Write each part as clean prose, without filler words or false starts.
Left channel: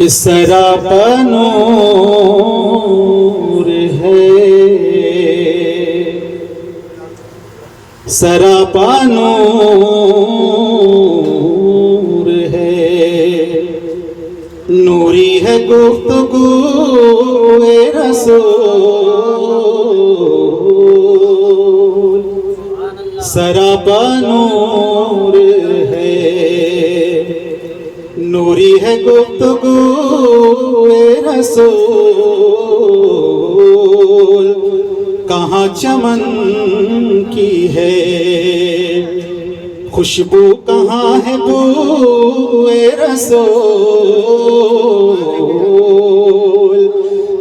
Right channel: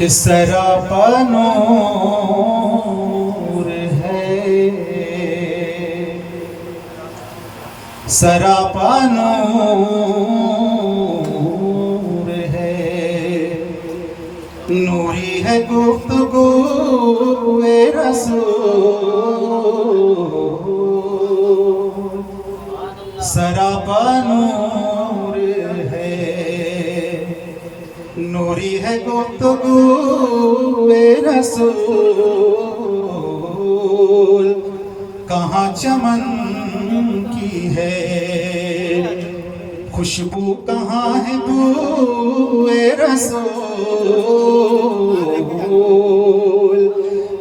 کہ سراپا نور ہے، سراپا نور ہے، نوری ہے گفتگو رسول، سراپا نور ہے، نوری ہے گفتگو رسول، کہاں چمن کی ہے خوشبو، کہاں ہے بوئے رسول،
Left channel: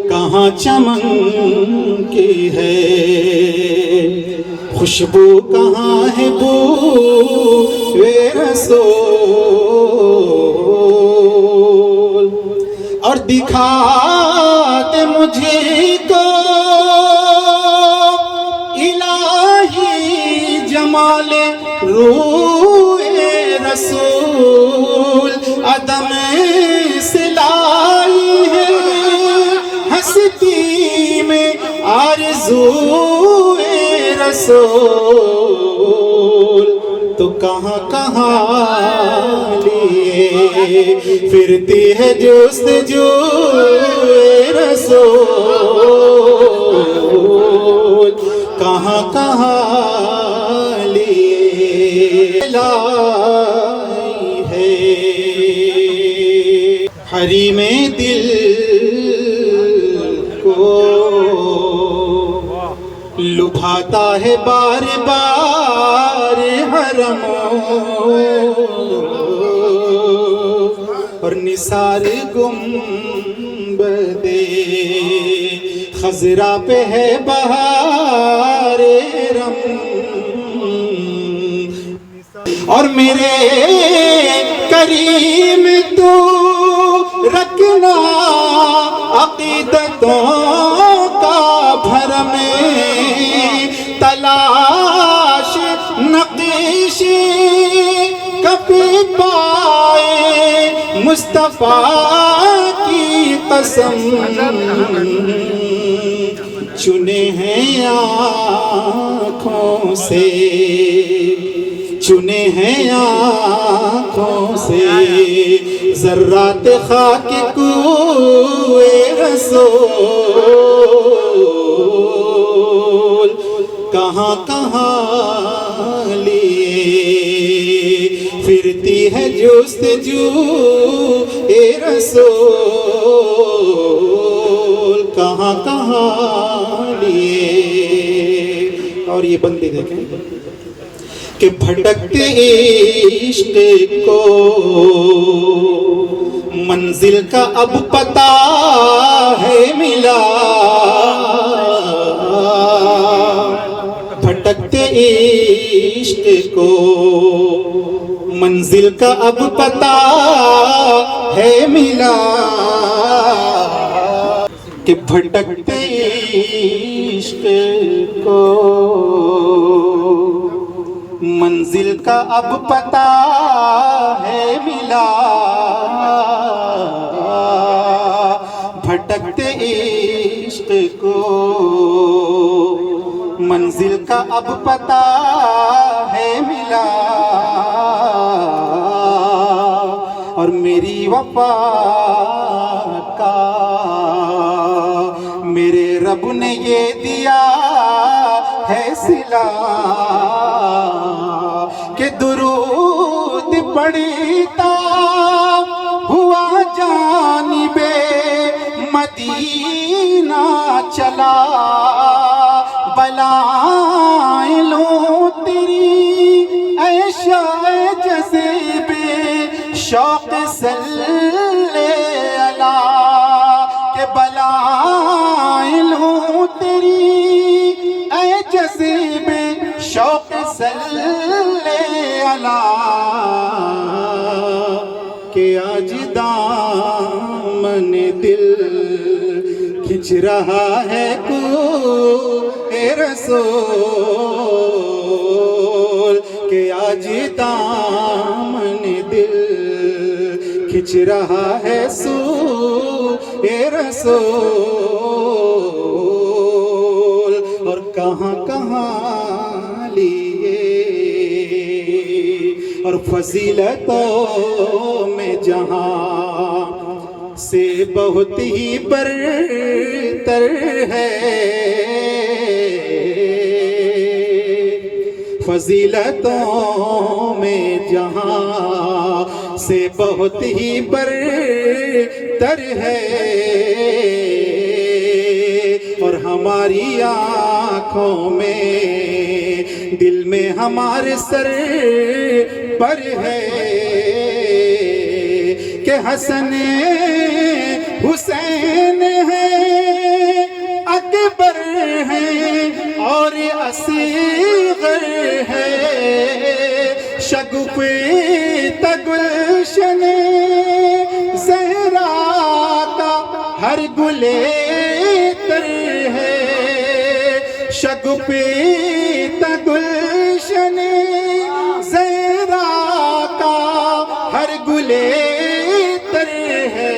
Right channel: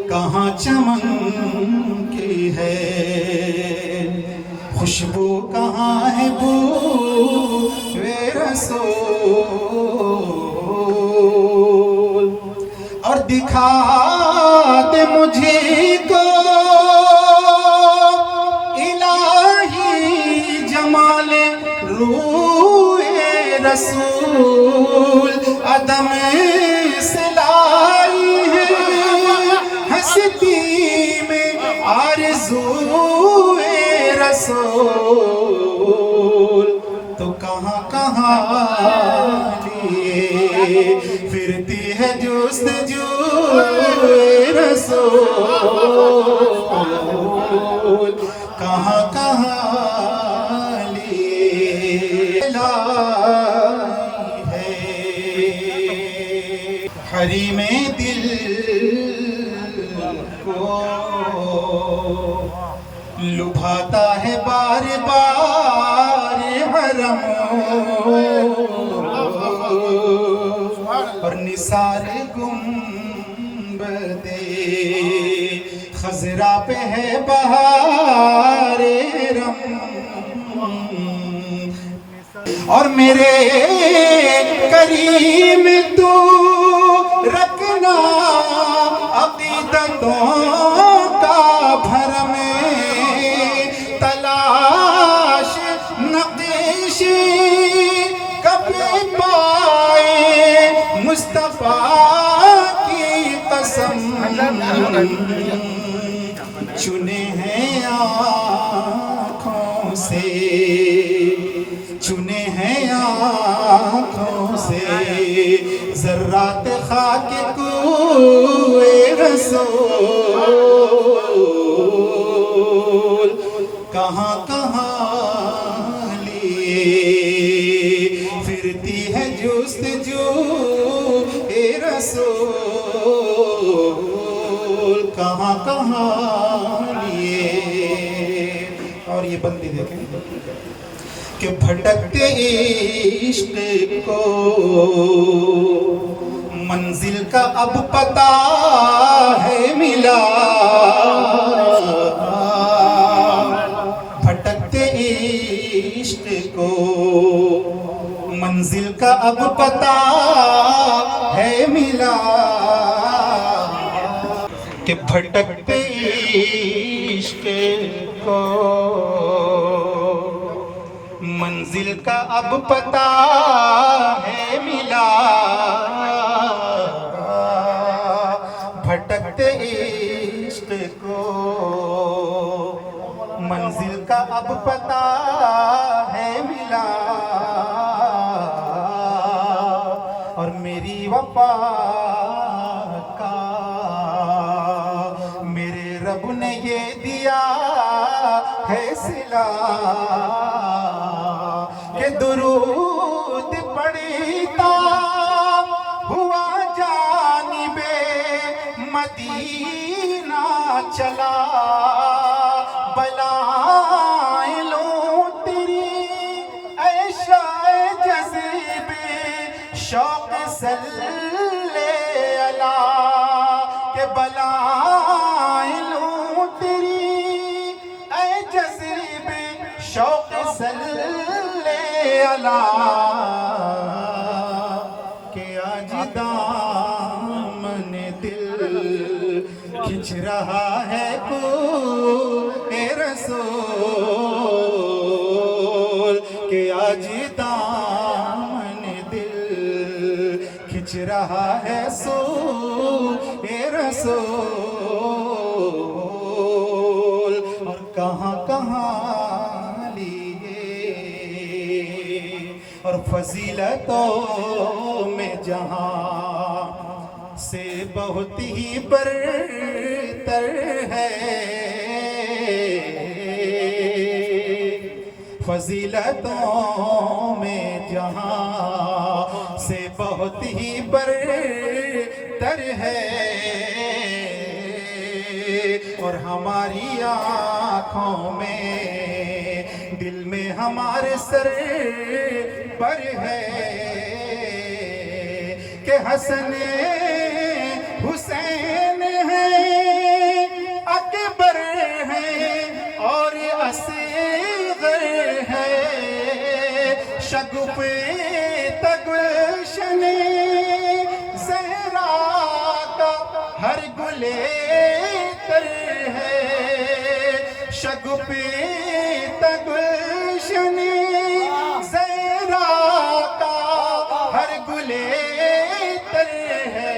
کہاں چمن کی ہے خوشبو، کہاں ہے بوئے رسول، اور دکھا دے مجھے کو الہی جمال روح رسول، عدم سے لائی ہے ہستی میں آرزو رسول، تو کہاں کہاں لیے پھرتی ہے جستجو رسول، کہاں کہاں لیے لائی ہے، حریم دل کو لبھاتا ہے بار بار حرم، اور نثار گنبد خضرا پہ ہے بہار رم، اور میرے کریم تو رکھنا عقیدتوں کا بھرم، تلاش نقش کبھی پائے مصطفیٰ کی قسم، چنے ہیں آنکھوں سے، چنے ہیں آنکھوں سے ذرات خاک کوئے رسول، کہاں کہاں لیے پھرتی ہے جستجو رسول، کہاں کہاں لیے، اور یہ بندے دیکھیں کہ بھٹکتے عشق کو منزل کا اب پتہ ہے ملا، بھٹکتے عشق کو منزل کا اب پتہ ہے ملا، کہ بھٹکتے عشق کو منزل کا اب پتہ ہے ملا، بھٹکتے عشق کو منزل کا اب پتہ ہے ملا، اور میری وفا کا میرے رب نے یہ دیا ہے صلہ، کہ درود پڑھتا ہوا جانب مدینہ چلا، بلائیں لوں تیری اے شاہ جذب شوق صلی علی، کہ بلائیں لوں تیری اے جذب شوق صلی علی، کہ آج دامن دل کھنچ رہا ہے کوئے رسول، کہ آج دامن دل کھنچ رہا ہے سو رسول اور کہاں کہاں لیے اور فضیلتوں میں جہاں سے بہت ہی برتر ہے فضیلتوں میں جہاں سے بہت ہی برتر ہے اور ہماری آنکھوں میں دل میں ہمارے سر پر ہے کہ حسن حسین ہیں اکبر ہیں اور اصغر ہے شگوفے گلشن زہرا کا ہر گلے تر ہے شگوفے گلشن زہرا کا ہر گلے تر ہے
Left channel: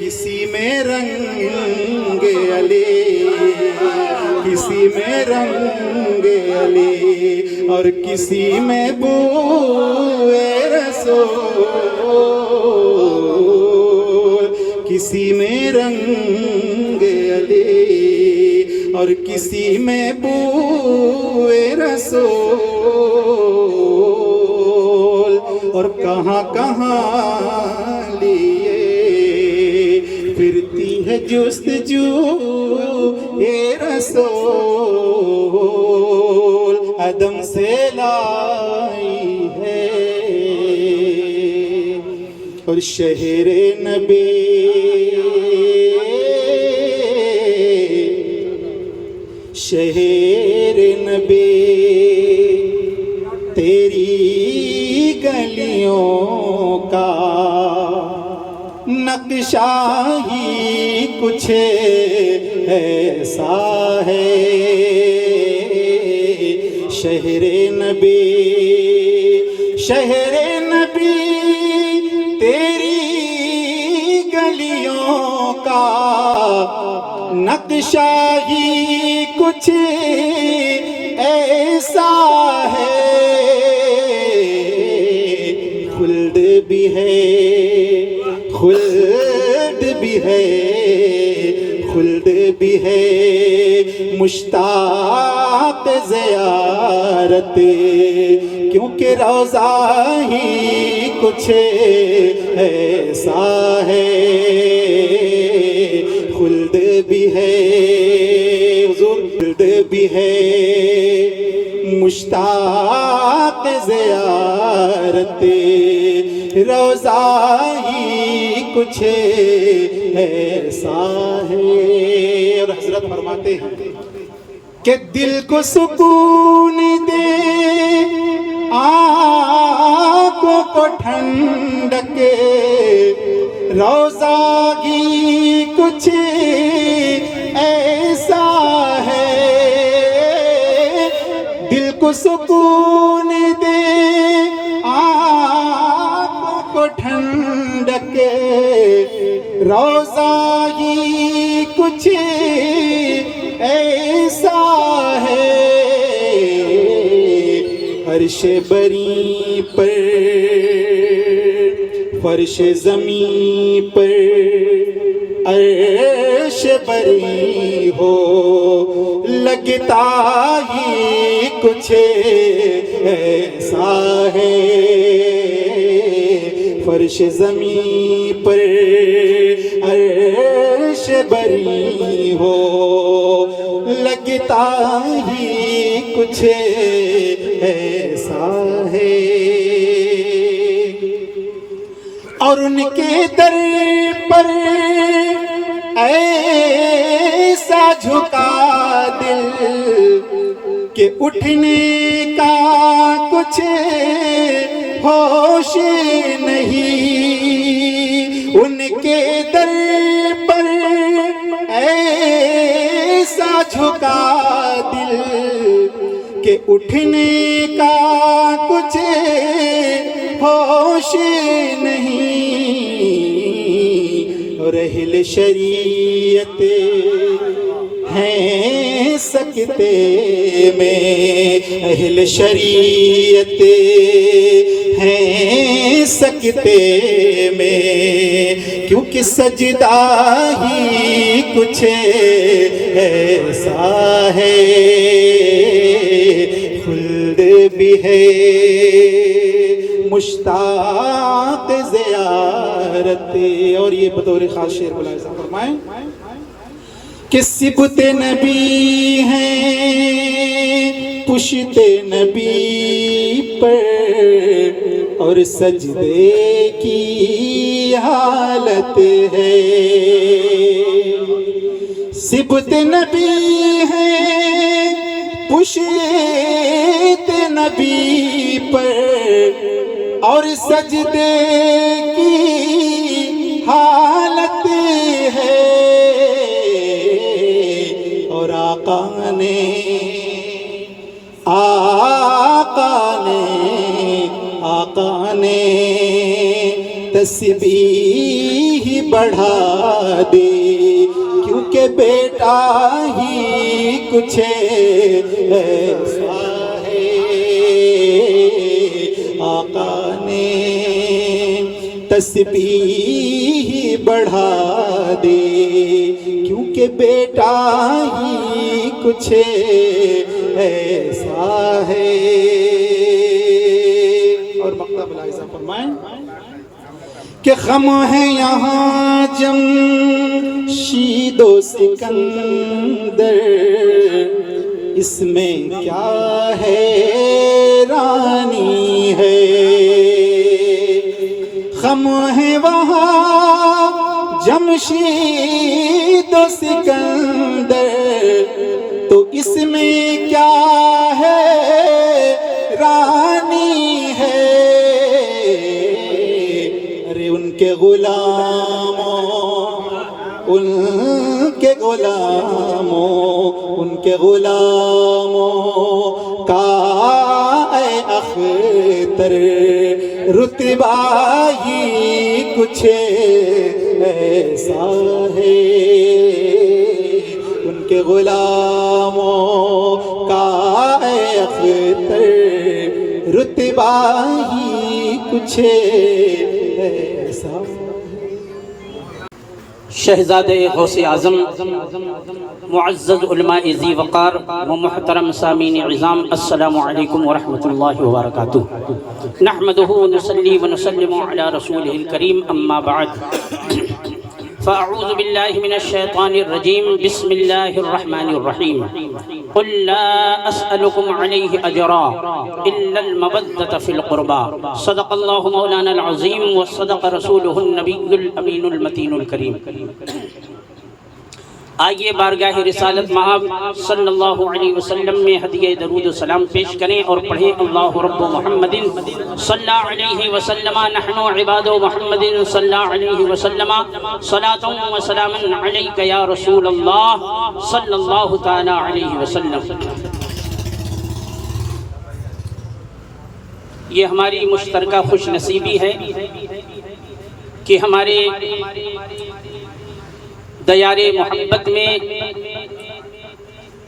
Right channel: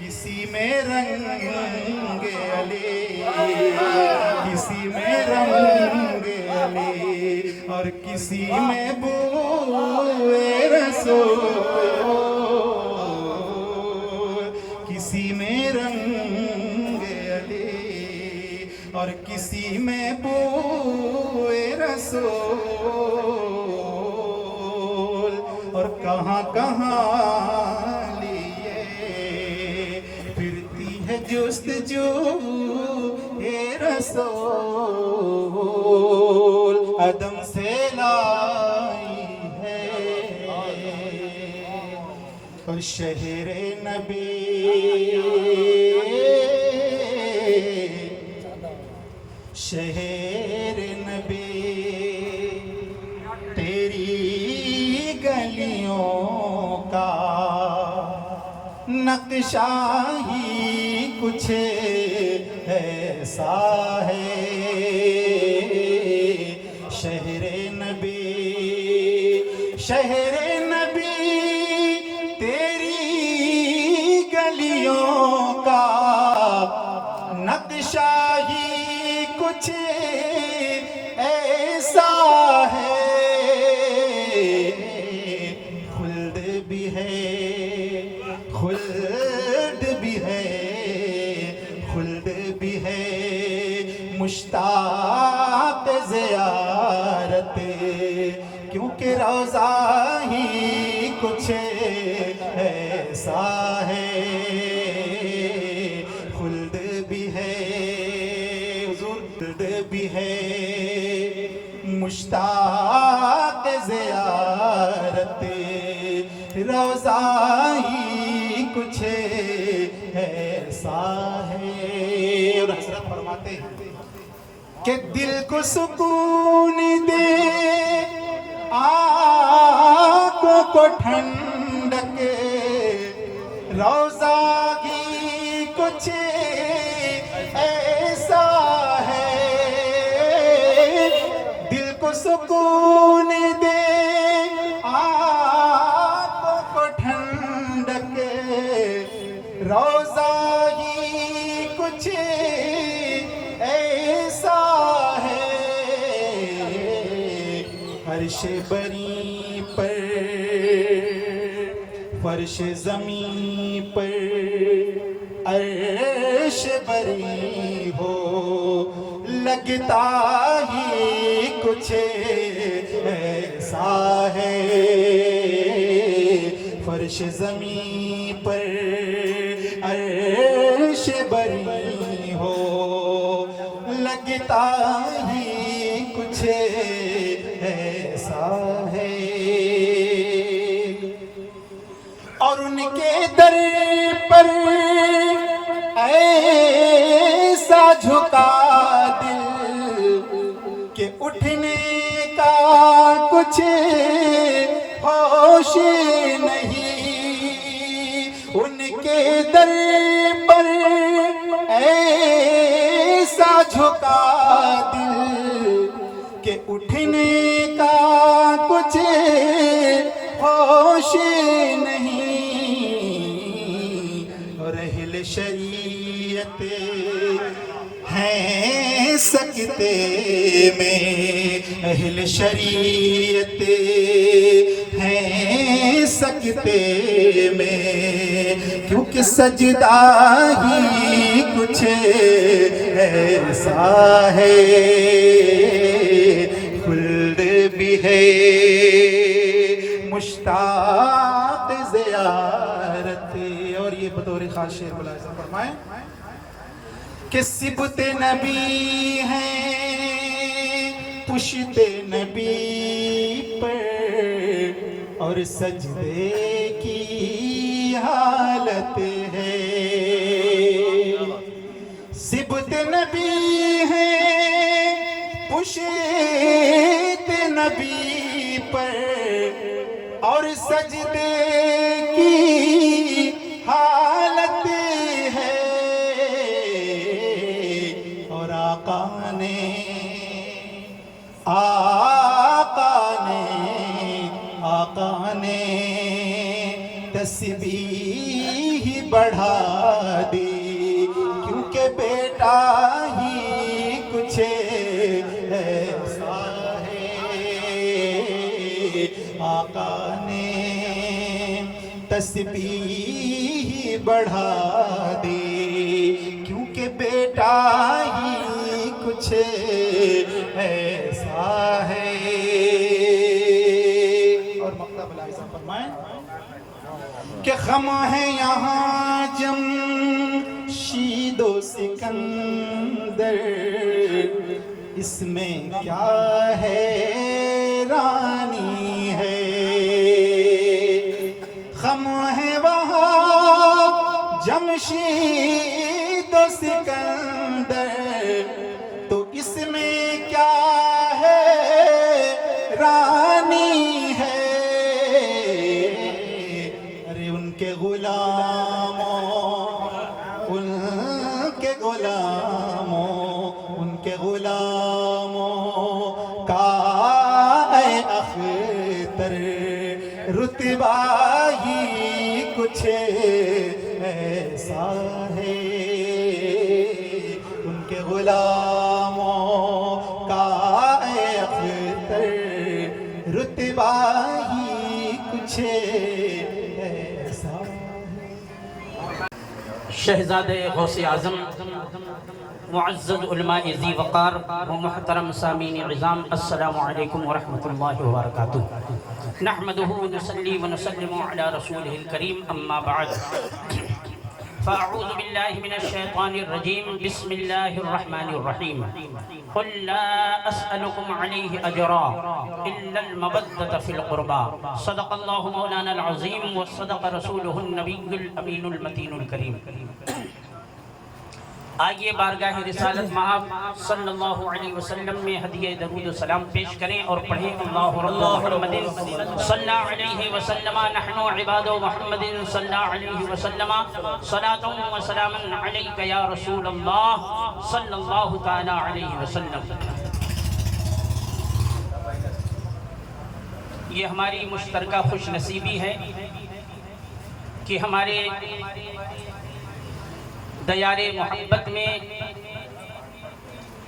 کسی میں رنگ علی کسی میں رنگ علی اور کسی میں بوئے رسول کسی میں رنگ علی اور کسی میں بوئے رسول اور کہاں کہاں لیے پھرتی ہے جستجو اے رسول عدم سے لائی ہے اور شہر نبی شہر نبی تیری گلیوں کا نقشہ ہی کچھ ایسا ہے شہر نبی شہر نبی تیری گلیوں کا نقشہ ہی کچھ ایسا ہے خلد بھی ہے خلد بھی ہے خلد بھی ہے مشتاق زیارت کیونکہ روضہ ہی کچھ ایسا ہے خلد بھی ہے حضور خلد بھی ہے مشتاق زیارت روضہ ہی کچھ ایسا ہے اور حضرت فرماتے ہیں کہ دل کو سکون دے آنکھوں کو ٹھنڈک روضہ ہی کچھ ایسا ہے دل کو سکون دے آنکھوں کو ٹھنڈک روضہ ہی کچھ ایسا ہے عرش بری پر فرش زمین پر عرش بری ہو لگتا ہی کچھ ایسا ہے فرش زمین پر عرش بری ہو لگتا ہی کچھ ایسا ہے اور ان کے در پر ایسا جھکا دل کہ اٹھنے کا کچھ ہوش نہیں ان کے در پر ایسا جھکا دل کہ اٹھنے کا کچھ ہوش نہیں شریعت ہیں سکتے میں، اہل شریعت ہیں سکتے میں، کیونکہ سجدہ ہی کچھ ایسا ہے، خلد بھی ہے مشتاق زیارت۔ اور یہ بطور خاص شعر ملاحظہ فرمائیں کہ صبت نبی ہیں پشت نبی پر، اور سجدے کی حالت ہے۔ صبت نبی ہیں پشت نبی پر، اور سجدے کی حالت ہے، اور آقا نے تسبیح بڑھا دی، کیونکہ بیٹا ہی کچھ ایسا ہے، آقا نے تسبیح بڑھا دے، کیونکہ بیٹا ہی کچھ ایسا ہے۔ اور مقطع ملاحظہ فرمائیں کہ خم ہے یہاں جمشید و سکندر، اس میں کیا حیرانی ہے، خم ہے وہاں جمشید و سکندر، تو اس میں کیا حیرانی ہے، ارے ان کے غلاموں، ان کے غلاموں، ان کے غلاموں کا اے اختر رتبہ ہی کچھ ایسا ہے، ان کے غلاموں کا اے اختر رتبہ ہی کچھ ایسا ہے۔ شہزادے غوث اعظم، معزز علماء ذی وقار و محترم سامعین عظام، السلام علیکم ورحمۃ اللہ وبرکاتہ۔ نحمدہ ونصلی ونسلم علی رسولہ الکریم، اما بعد، فاعوذ باللہ من الشیطان الرجیم، بسم اللہ الرحمن الرحیم۔ قل لا اسألکم علیہ اجرا الا المودۃ فی القربى، صدق اللہ مولانا العظیم وصدق رسولہ النبی الامین المتین الکریم۔ آئیے بارگاہ رسالت مآب صلی اللہ علیہ وسلم میں ہدیہ درود و سلام پیش کریں اور پڑھیں اللہ رب محمد صلی اللہ علیہ وسلم، نحن عباد محمد صلی اللہ علیہ وسلم، صلاۃ و سلام علیک یا رسول اللہ صلی اللہ تعالی علیہ وسلم۔ یہ ہماری مشترکہ خوش نصیبی ہے کہ ہمارے دیار محبت میں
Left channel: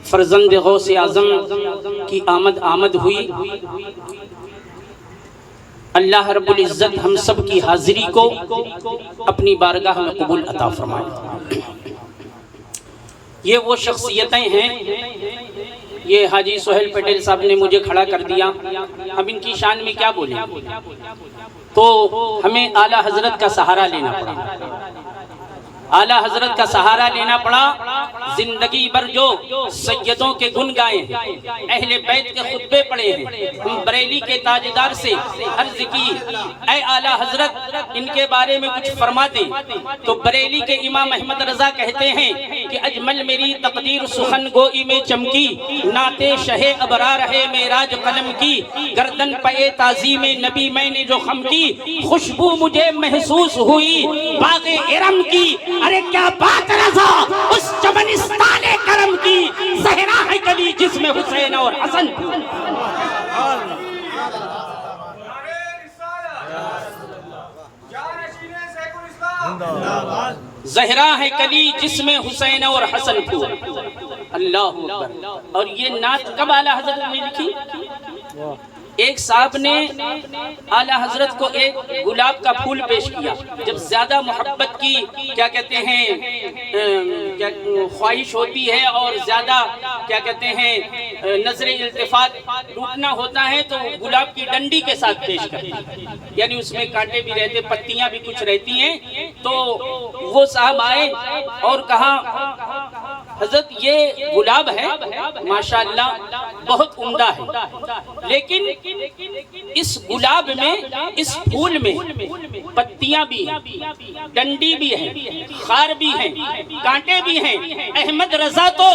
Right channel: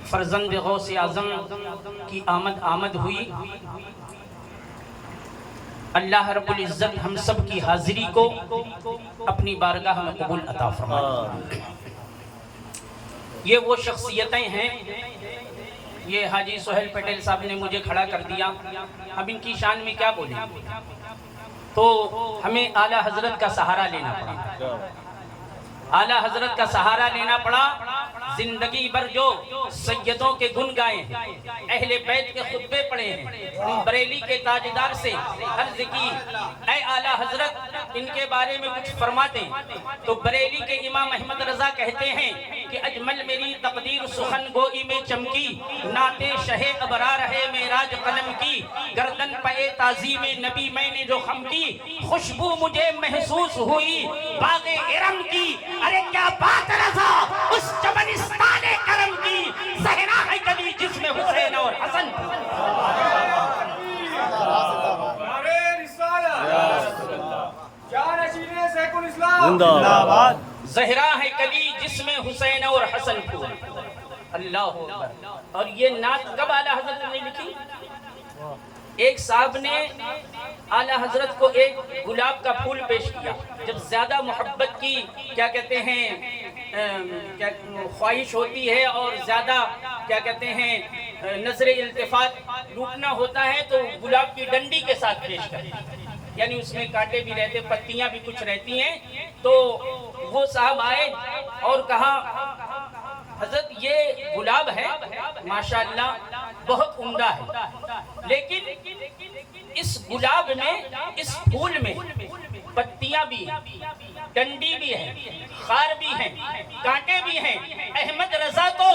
فرزند غوث اعظم کی آمد ہوئی۔ اللہ رب العزت ہم سب کی حاضری کو اپنی بارگاہ میں قبول عطا فرمائے۔ یہ وہ شخصیتیں ہیں، یہ حاجی سہیل پٹیل صاحب نے مجھے کھڑا کر دیا، ہم ان کی شان میں کیا بولیں، تو ہمیں اعلیٰ حضرت کا سہارا لینا پڑا، اعلیٰ حضرت کا سہارا لینا پڑا۔ زندگی بھر جو سیدوں کے دھن گائے ہیں، اہل بیت کے خطبے پڑھے ہیں، ہم بریلی کے تاجدار سے عرض کی اے اعلیٰ حضرت ان کے بارے میں کچھ فرما دیں، تو بریلی کے امام احمد رضا کہتے ہیں کہ اجمل میری تقدیر سخن گوئی میں چمکی، نعت شہ ابرار ہے معراج قلم کی، گردن پہ تعظیم نبی میں نے جو خم کی، خوشبو مجھے محسوس ہوئی باغ ارم کی، ارے کیا بات رضا اس چمنستان کرم کی، زہرا ہے گلی جس میں حسین اور حسن۔ زندہ باد۔ زہرا ہے کلی جس میں حسین اور حسن پھول. اللہ اکبر. اور یہ نعت کب اعلیٰ حضرت نے لکھی؟ ایک صاحب نے اعلیٰ حضرت کو ایک گلاب کا پھول پیش کیا. جب زیادہ محبت کی کیا کہتے ہیں خواہش ہوتی ہے اور زیادہ کیا کہتے ہیں نظر التفات لوٹنا ہوتا ہے تو گلاب کی ڈنڈی کے ساتھ پیش کرتے ہیں. یعنی اس میں کانٹے بھی رہتے پتیاں بھی کچھ رہتی ہیں. تو وہ صاحب آئے اور کہا حضرت یہ گلاب ہے ماشاءاللہ بہت عمدہ ہے، لیکن اس گلاب میں اس پھول میں پتیاں بھی ڈنڈی بھی ہے، خار بھی ہے، کانٹے بھی ہیں. احمد رضا تو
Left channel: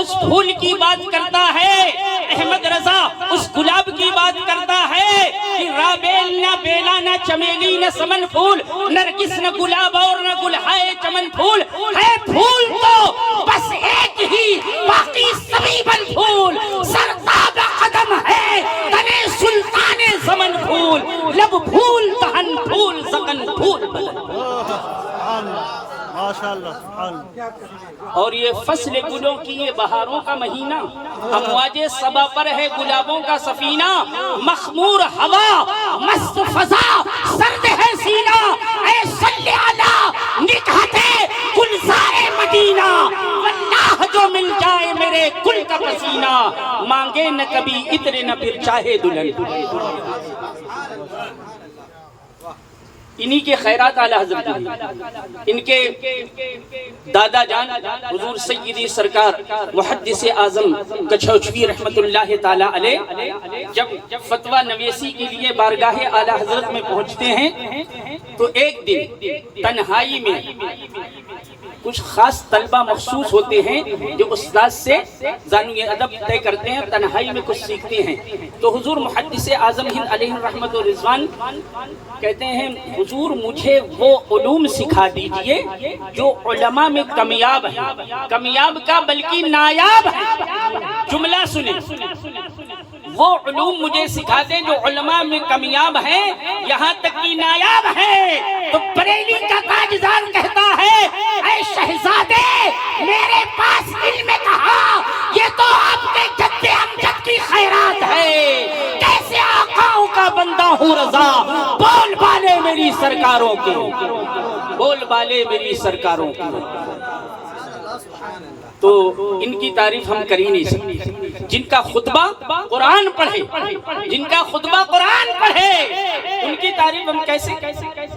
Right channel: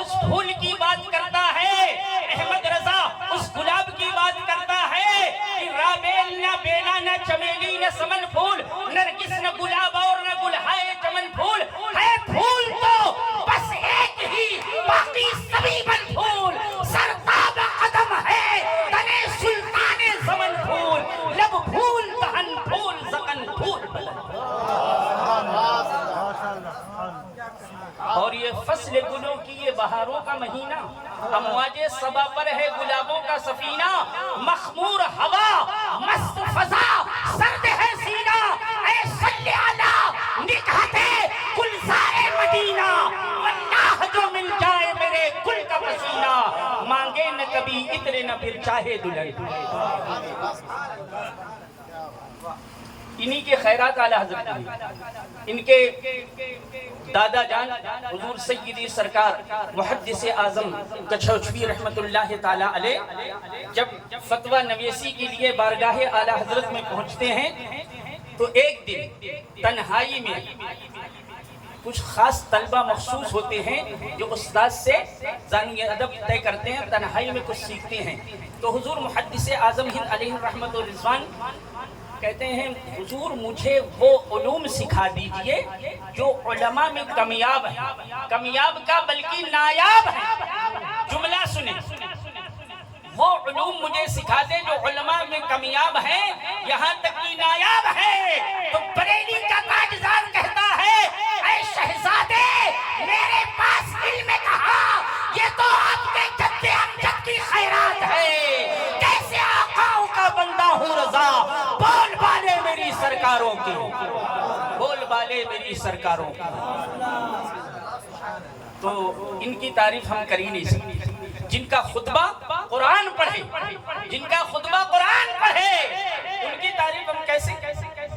اس پھول کی بات کرتا ہے، احمد رضا اس گلاب کی بات کرتا ہے کہ رابیل نہ بیلا نہ چمیلی نہ سمن پھول، نرگس نہ گلاب اور نہ گلہائے چمن پھول، ہے پھول تو بس ایک ہی باقی سبھی بل پھول، سرتاب قدم ہے تنے سلطان زمن پھول، لب پھول دہن پھول زکن پھول. اور یہ فصل گلوں کی یہ بہاروں کا مہینہ، امواج صبا پر ہے گلابوں کا سفینہ، مخمور ہوا مست فضا سرد ہے سینہ، اے صلی علی نکہت گلزار مدینہ، واللہ جو مل جائے میرے گل کا پسینہ، مانگے نہ کبھی اتنے نہ پھر چاہے دلہن. انہی کے خیرات اعلیٰ حضرت ان کے دادا جان حضور سیدی سرکار محدث اعظم کچھوچوی رحمت اللہ تعالی علیہ جب فتویٰ نویسی کے لیے بارگاہ اعلیٰ حضرت میں پہنچتے ہیں تو ایک دن تنہائی میں کچھ خاص طلبہ مخصوص ہوتے ہیں جو استاد سے زانوی ادب طے کرتے ہیں، تنہائی میں کچھ سیکھتے ہیں. تو حضور محدث اعظم ہند علیہ الرحمت و رضوان کہتے ہیں حضور مجھے وہ علوم سکھا دیجئے جو علماء میں کمیاب ہے، کمیاب کا بلکہ نایاب ہے. جملہ سنیں، وہ علوم مجھے سکھا دیں جو علماء میں کمیاب ہیں یہاں تک کہ نایاب ہے. تو بریلی کا تاجدار کہتا ہے اے شہزادے میرے پاس علم کہا، یہ تو آپ کے جد امجد کی خیرات ہے، کیسے آقاؤں کا بندہ ہوں رضا، بول بالے میری سرکاروں کے، بول بالے میری سرکاروں کے. تو ان کی تعریف ہم کر ہی نہیں سکتے. جن کا خطبہ قرآن پڑھے، جن کا خطبہ قرآن پڑھے ان کی تعریف ہم کیسے؟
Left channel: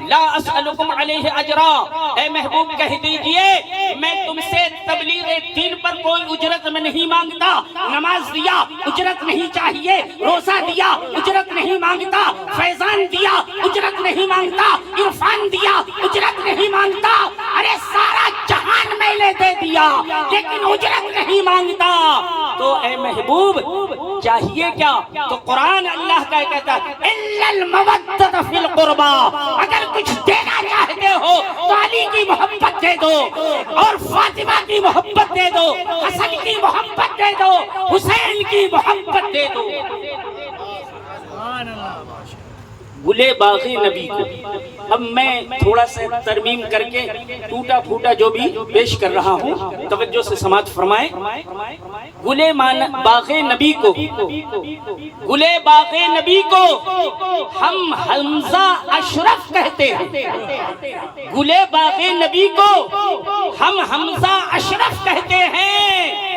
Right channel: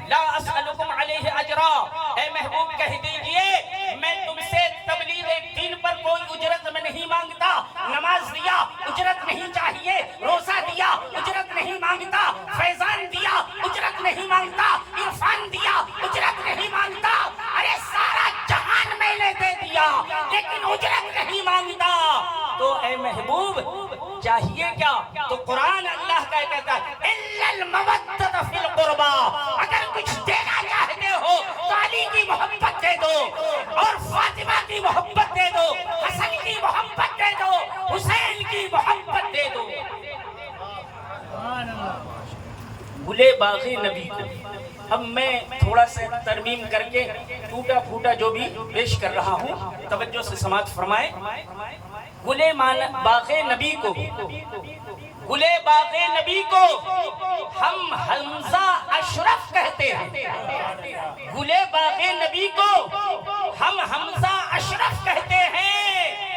لا اسألکم علیہ اجرا، اے محبوب کہہ دیجئے میں تم سے تبلیغ دین پر کوئی اجرت میں نہیں مانگتا. نماز دیا اجرت نہیں چاہیے، روزہ دیا اجرت نہیں مانگتا، فیضان دیا اجرت نہیں مانگتا، عرفان دیا اجرت نہیں مانگتا. ارے سارا جہان میں لے دے دیا لیکن اجرت نہیں مانگتا. تو اے محبوب چاہیے کیا؟ تو قرآن اللہ کا کہتا ہے الا المودۃ فی القربى، اگر کچھ دینا چاہتے ہو تو علی کی محبت دے دو اور فاطمہ کی محبت دے دو، حسن کی محبت دے دو، حسین کی محبت دے دو. گلے باغی نبی کو اب میں تھوڑا سا ترمیم کر کے ٹوٹا پھوٹا جو بھی پیش کر رہا ہوں توجہ سے سماعت فرمائیں. گلے باغ نبی کو، گلے باغ نبی کو ہم حمزہ اشرف کہتے ہیں. گلے باغ نبی کو ہم حمزہ اشرف کہتے ہیں.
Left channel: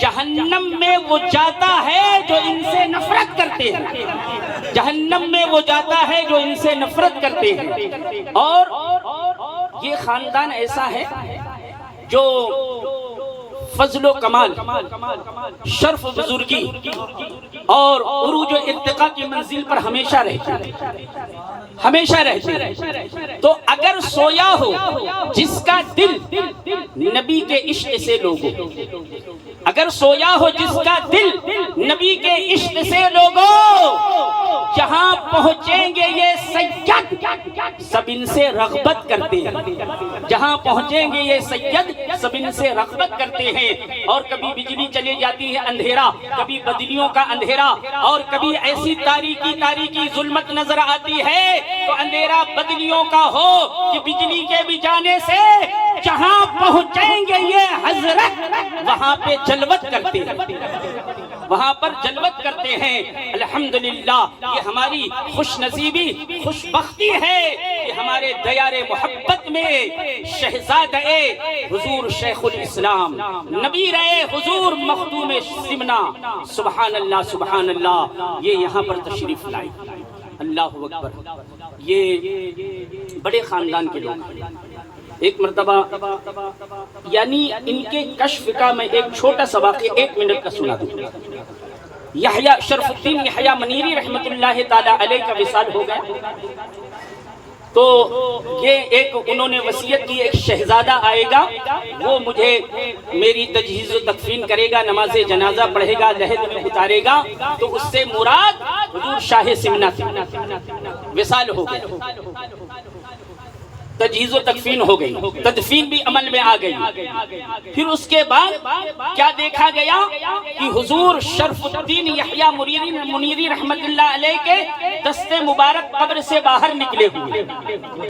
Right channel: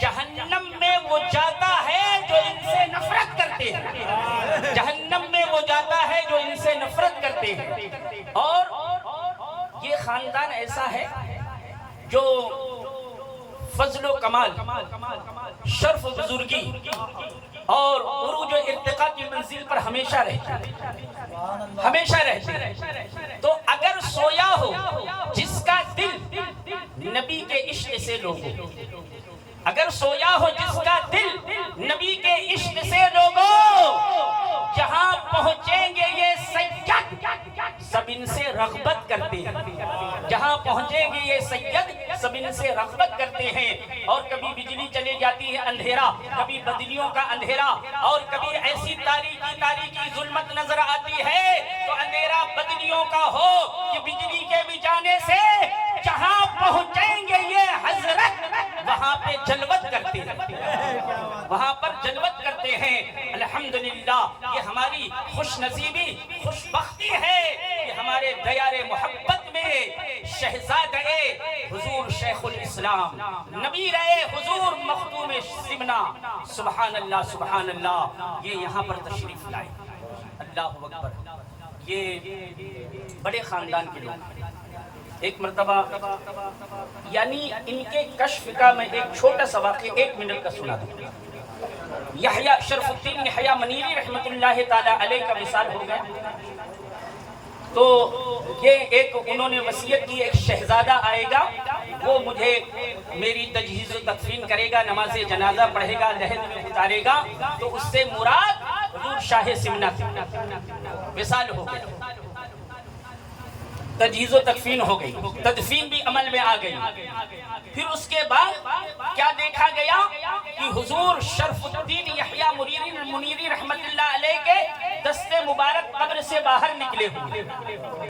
جہنم میں وہ جاتا ہے جو ان سے نفرت کرتے ہیں، جہنم میں وہ جاتا ہے جو ان سے نفرت کرتے ہیں. اور یہ خاندان ایسا ہے جو فضل و کمال، شرف و بزرگی اور عروج و ارتقاء کی منزل پر ہمیشہ رہتے ہیں، ہمیشہ رہتے ہیں. تو اگر سویا ہو جس کا دل نبی کے عشق سے لوگو، اگر سویا ہو جس کا دل نبی کے عشق سے لوگو، جہاں پہنچیں گے یہ سید سب ان سے رغبت کرتے ہیں، جہاں پہنچیں گے یہ سید سب ان سے رغبت کرتے ہیں۔ اور کبھی بجلی چلی جاتی ہے اندھیرا، کبھی بدلیوں کا اندھیرا، اور کبھی ایسی تاریکی ظلمت نظر آتی ہے تو اندھیرا بدلیوں کا ہو کہ بجلی کے بھی جانے سے جہاں پہنچیں گے یہ حضرت وہاں پہ جلوت کرتے ہیں، وہاں پر جلوت کرتے ہیں۔ الحمدللہ یہ ہماری خوش نصیبی خوش بختی ہے کہ ہمارے دیار محبت میں شہزادہ حضور شیخ الاسلام نبی رہے حضور مخدوم سمنا، سبحان اللہ سبحان اللہ، یہ یہاں پر تشریف لائے۔ اللہ اکبر، یہ بڑے خاندان کے لوگ۔ ایک مرتبہ یعنی ان کے کشف کا میں ایک چھوٹا سا واقعہ 1 منٹ کا سنا دوں۔ یحییٰ شرف الدین یحییٰ منیری رحمت اللہ تعالی علیہ کا وصال ہو گیا، تو یہ ایک انہوں نے وصیت کی، ایک شہزادہ آئے گا، وہ مجھے میری تجہیز و تکفین کرے گا، نماز جنازہ پڑھے گا، لحد میں اتارے گا، تو اس سے مراد حضور شاہ سمنا تھی۔ وصال ہو گیا، تجہیز و تکفین ہو گئی، تدفین بھی عمل میں آ گئی۔ پھر اس کے بعد کیا دیکھا گیا کہ حضور شرف الدین یحییٰ منیری رحمت اللہ علیہ کے دست مبارک قبر سے باہر نکلے ہوئے،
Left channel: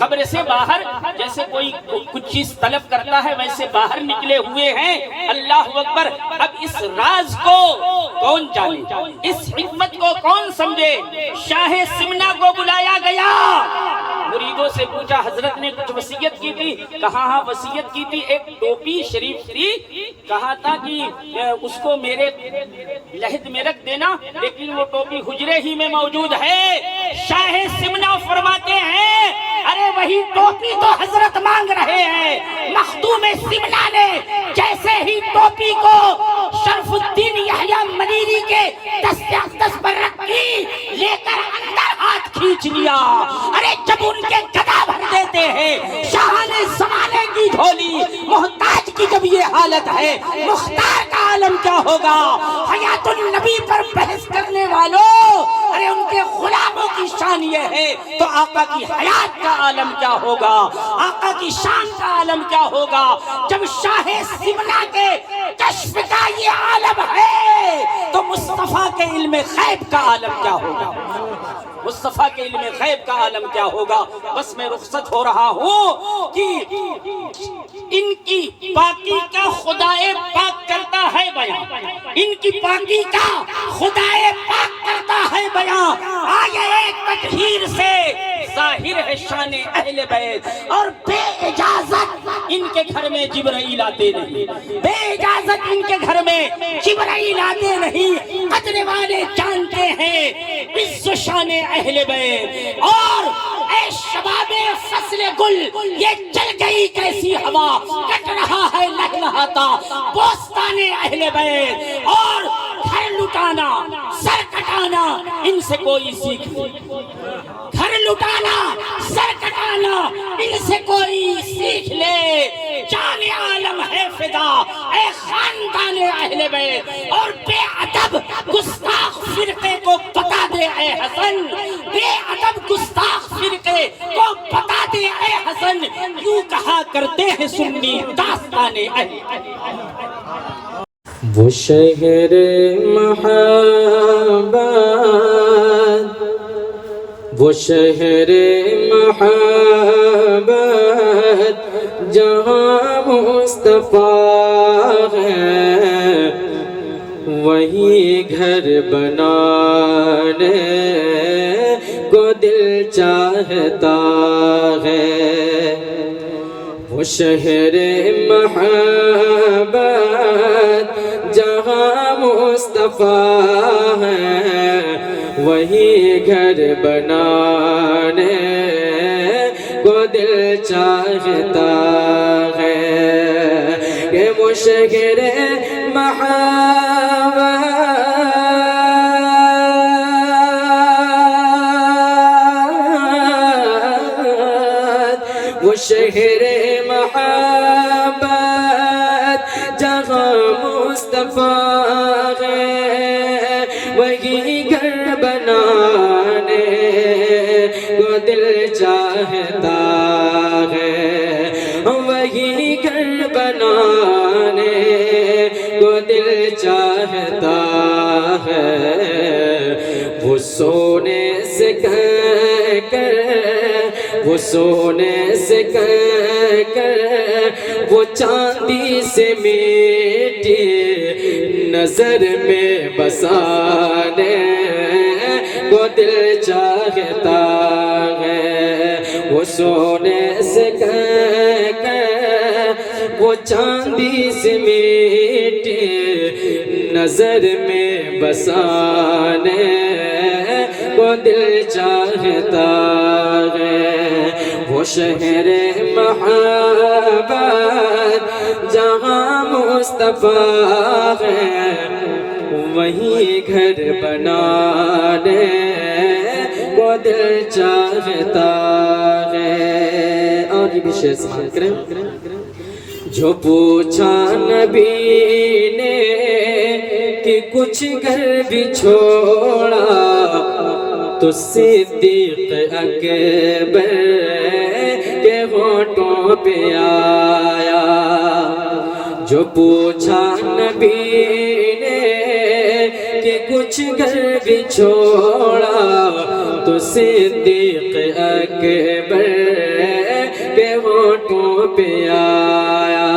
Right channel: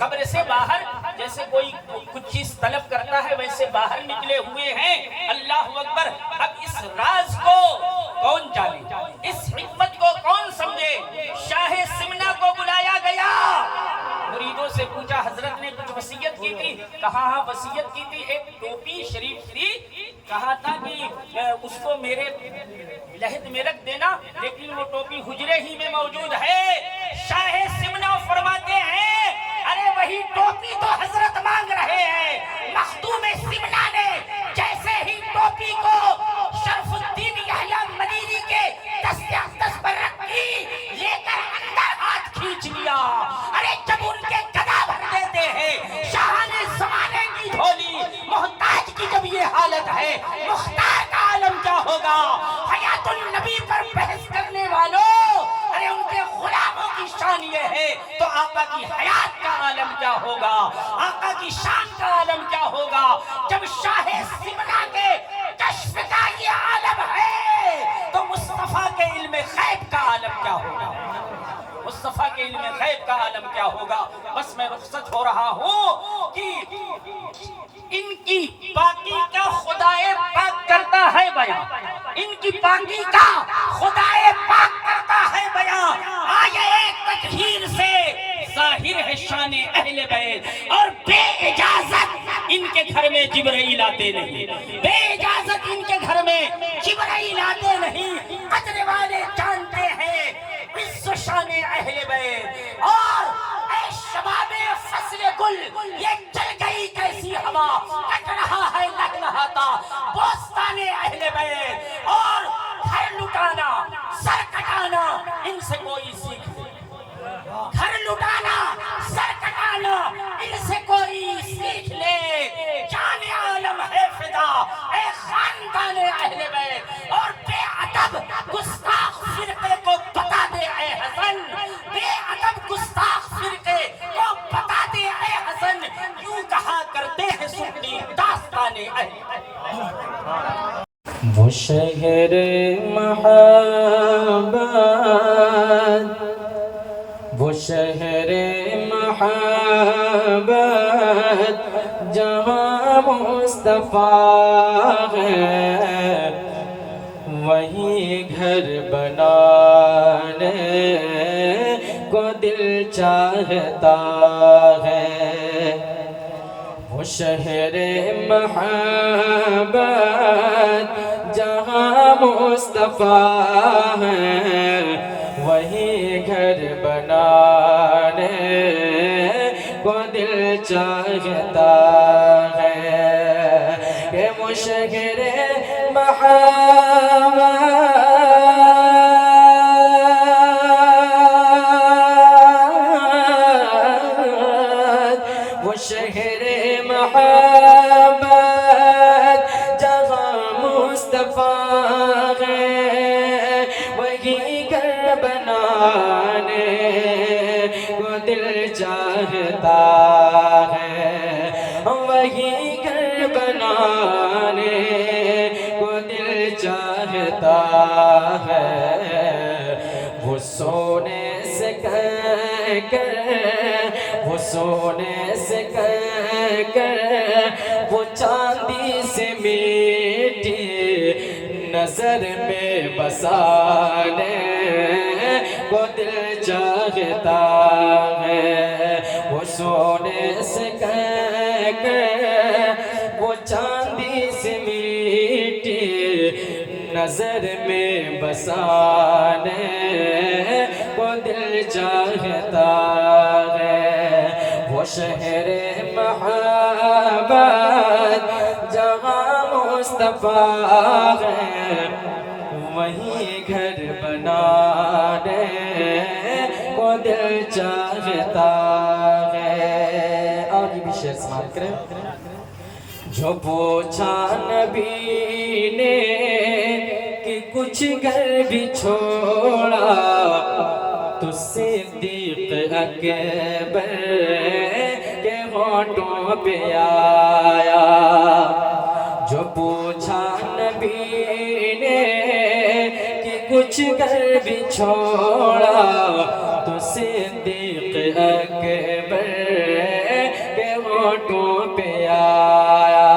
قبر سے باہر جیسے کوئی کچھ چیز طلب کرتا ہے ویسے باہر نکلے ہوئے ہیں۔ اللہ اکبر، اب اس راز کو کون جانے، اس حکمت کو کون سمجھے؟ شاہ سمنا کو بلایا گیا، مریدوں سے پوچھا حضرت نے کچھ وصیت کی تھی؟ کہا ہاں وصیت کی تھی، ایک ٹوپی شریف تھی، کہا تھا کہ اس کو میرے لحد میں رکھ دینا، لیکن وہ ٹوپی حجرے ہی میں موجود ہے۔ شاہ سمنا فرماتے ہیں ارے وہی ٹوپی تو حضرت مانگ رہے ہیں۔ مخدوم سمنا نے جیسے ہی ٹوپی کو شرف الدین یحییٰ منیری کے دست اقدس پر رکھی، لے کر اندر ہاتھ کھینچ لیا۔ ارے جب ان کے گدا بھر دیتے ہیں شاہان زمانے کی جھولی، محتاج کی جب یہ حالت ہے، مختار کا عالم کیا ہوگا؟ حیات النبی پر بحث کرنے والوں، ارے ان کے غلاموں کی شان یہ ہے تو آقا کی حیات کا عالم کیا ہوگا؟ آقا کی شان کا عالم کیا ہوگا؟ جب شاہ سمنا کے کشف کا یہ عالم ہے تو مصطفیٰ کے علم غیب کا عالم کیا ہوگا؟ مصطفیٰ کے علم غیب کا عالم کیا ہوگا؟ بس میں رخصت ہو رہا ہوں کہ ان کی پاکی کا خدائے پاک کرتا ہے بیان، ان کی پاکی کا خدائے پاک کرتا ہے بیان۔ آیے تطہیر سے ظاہر ہے شان اہل بیت، اور بے اجازت ان کے گھر میں جبرائیل آتے نہیں، بے اجازت ان کے گھر میں جبرائیل آتے نہیں۔ قدر والے جانتے ہیں عز و شان اہل بیت۔ اور اے شباب فصل گل، یہ چل گئی کیسی ہوا، کٹ رہا ہے لہلہاتا بوستان اہل بیت۔ اور گھر لٹانا سر کٹانا ان سے کوئی سیکھ نہیں، گھر لٹانا سر کٹانا ان سے کوئی سیکھ لے۔ جان عالم ہے فدا اے خاندان اہل بیت، اور بے ادب گستاخ فرقے کو بتا دے اے حسن، بے ادب گستاخ فرقے کو بتا دے اے حسن، یوں کہا کرتے ہیں سنی داستان اہل۔ وہ شہر محبت، وہ شہر محبت جہاں مصطفیٰ ہے، وہیں گھر بنانے کو دل چاہتا ہے۔ وہ شہر محبت جہاں مصطفیٰ ہے، وہی گھر بنانے کو دل چاہتا ہے کہ وہ شہر محبت، وہ شہر محبت جہاں مصطفیٰ ہے، وہی گھر بنانے کو دل چاہتا ہے وہی گھر بنانے کو دل چاہتا ہے وہ سونے سے کر وہ سونے سے کر وہ چاندی سے میٹھی نظر میں بسانے کو دل چاہتا ہے وہ سونے سے کر وہ چاندی سے میٹھی نظر میں بسانے کو دل چاہتا ہے وہ شہر محبت جہاں مصطفیٰ ہے وہیں گھر بنانے کو دل چاہتا ہے اور یہ بھی شعر سماعت کریں جو پوچھا نبی نے کہ کچھ گھر بھی چھوڑا تو صدیق اکبر کے ہونٹوں پہ آیا جو پوچھا نبی نے کہ کچھ گھر بھی چھوڑا تو صدیق اکبر کے ہونٹوں پہ آیا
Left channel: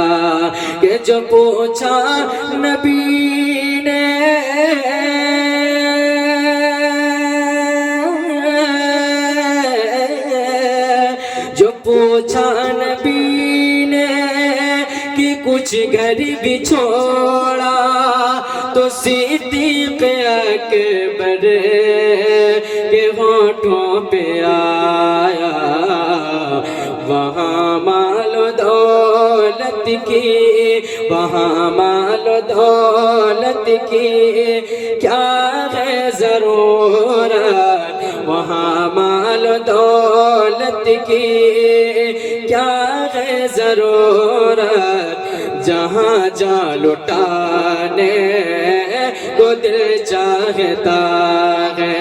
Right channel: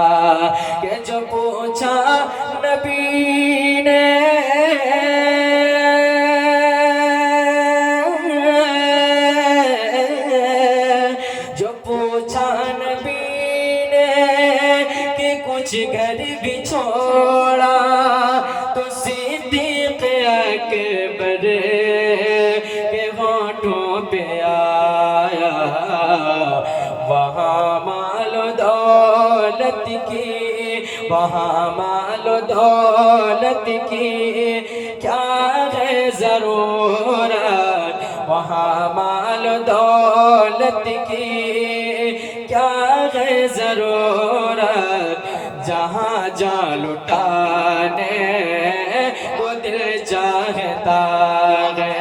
کہ جو پوچھا نبی نے جو پوچھا نبی نے کہ کچھ گھر بھی چھوڑا تو صدیق اکبر کے ہونٹوں پہ آیا وہاں مال و دولت کی وہاں مال و دولت کی کیا ہے ضرورت وہاں مال و دولت کی کیا ہے ضرورت جہاں جا لٹانے کو دل چاہتا ہے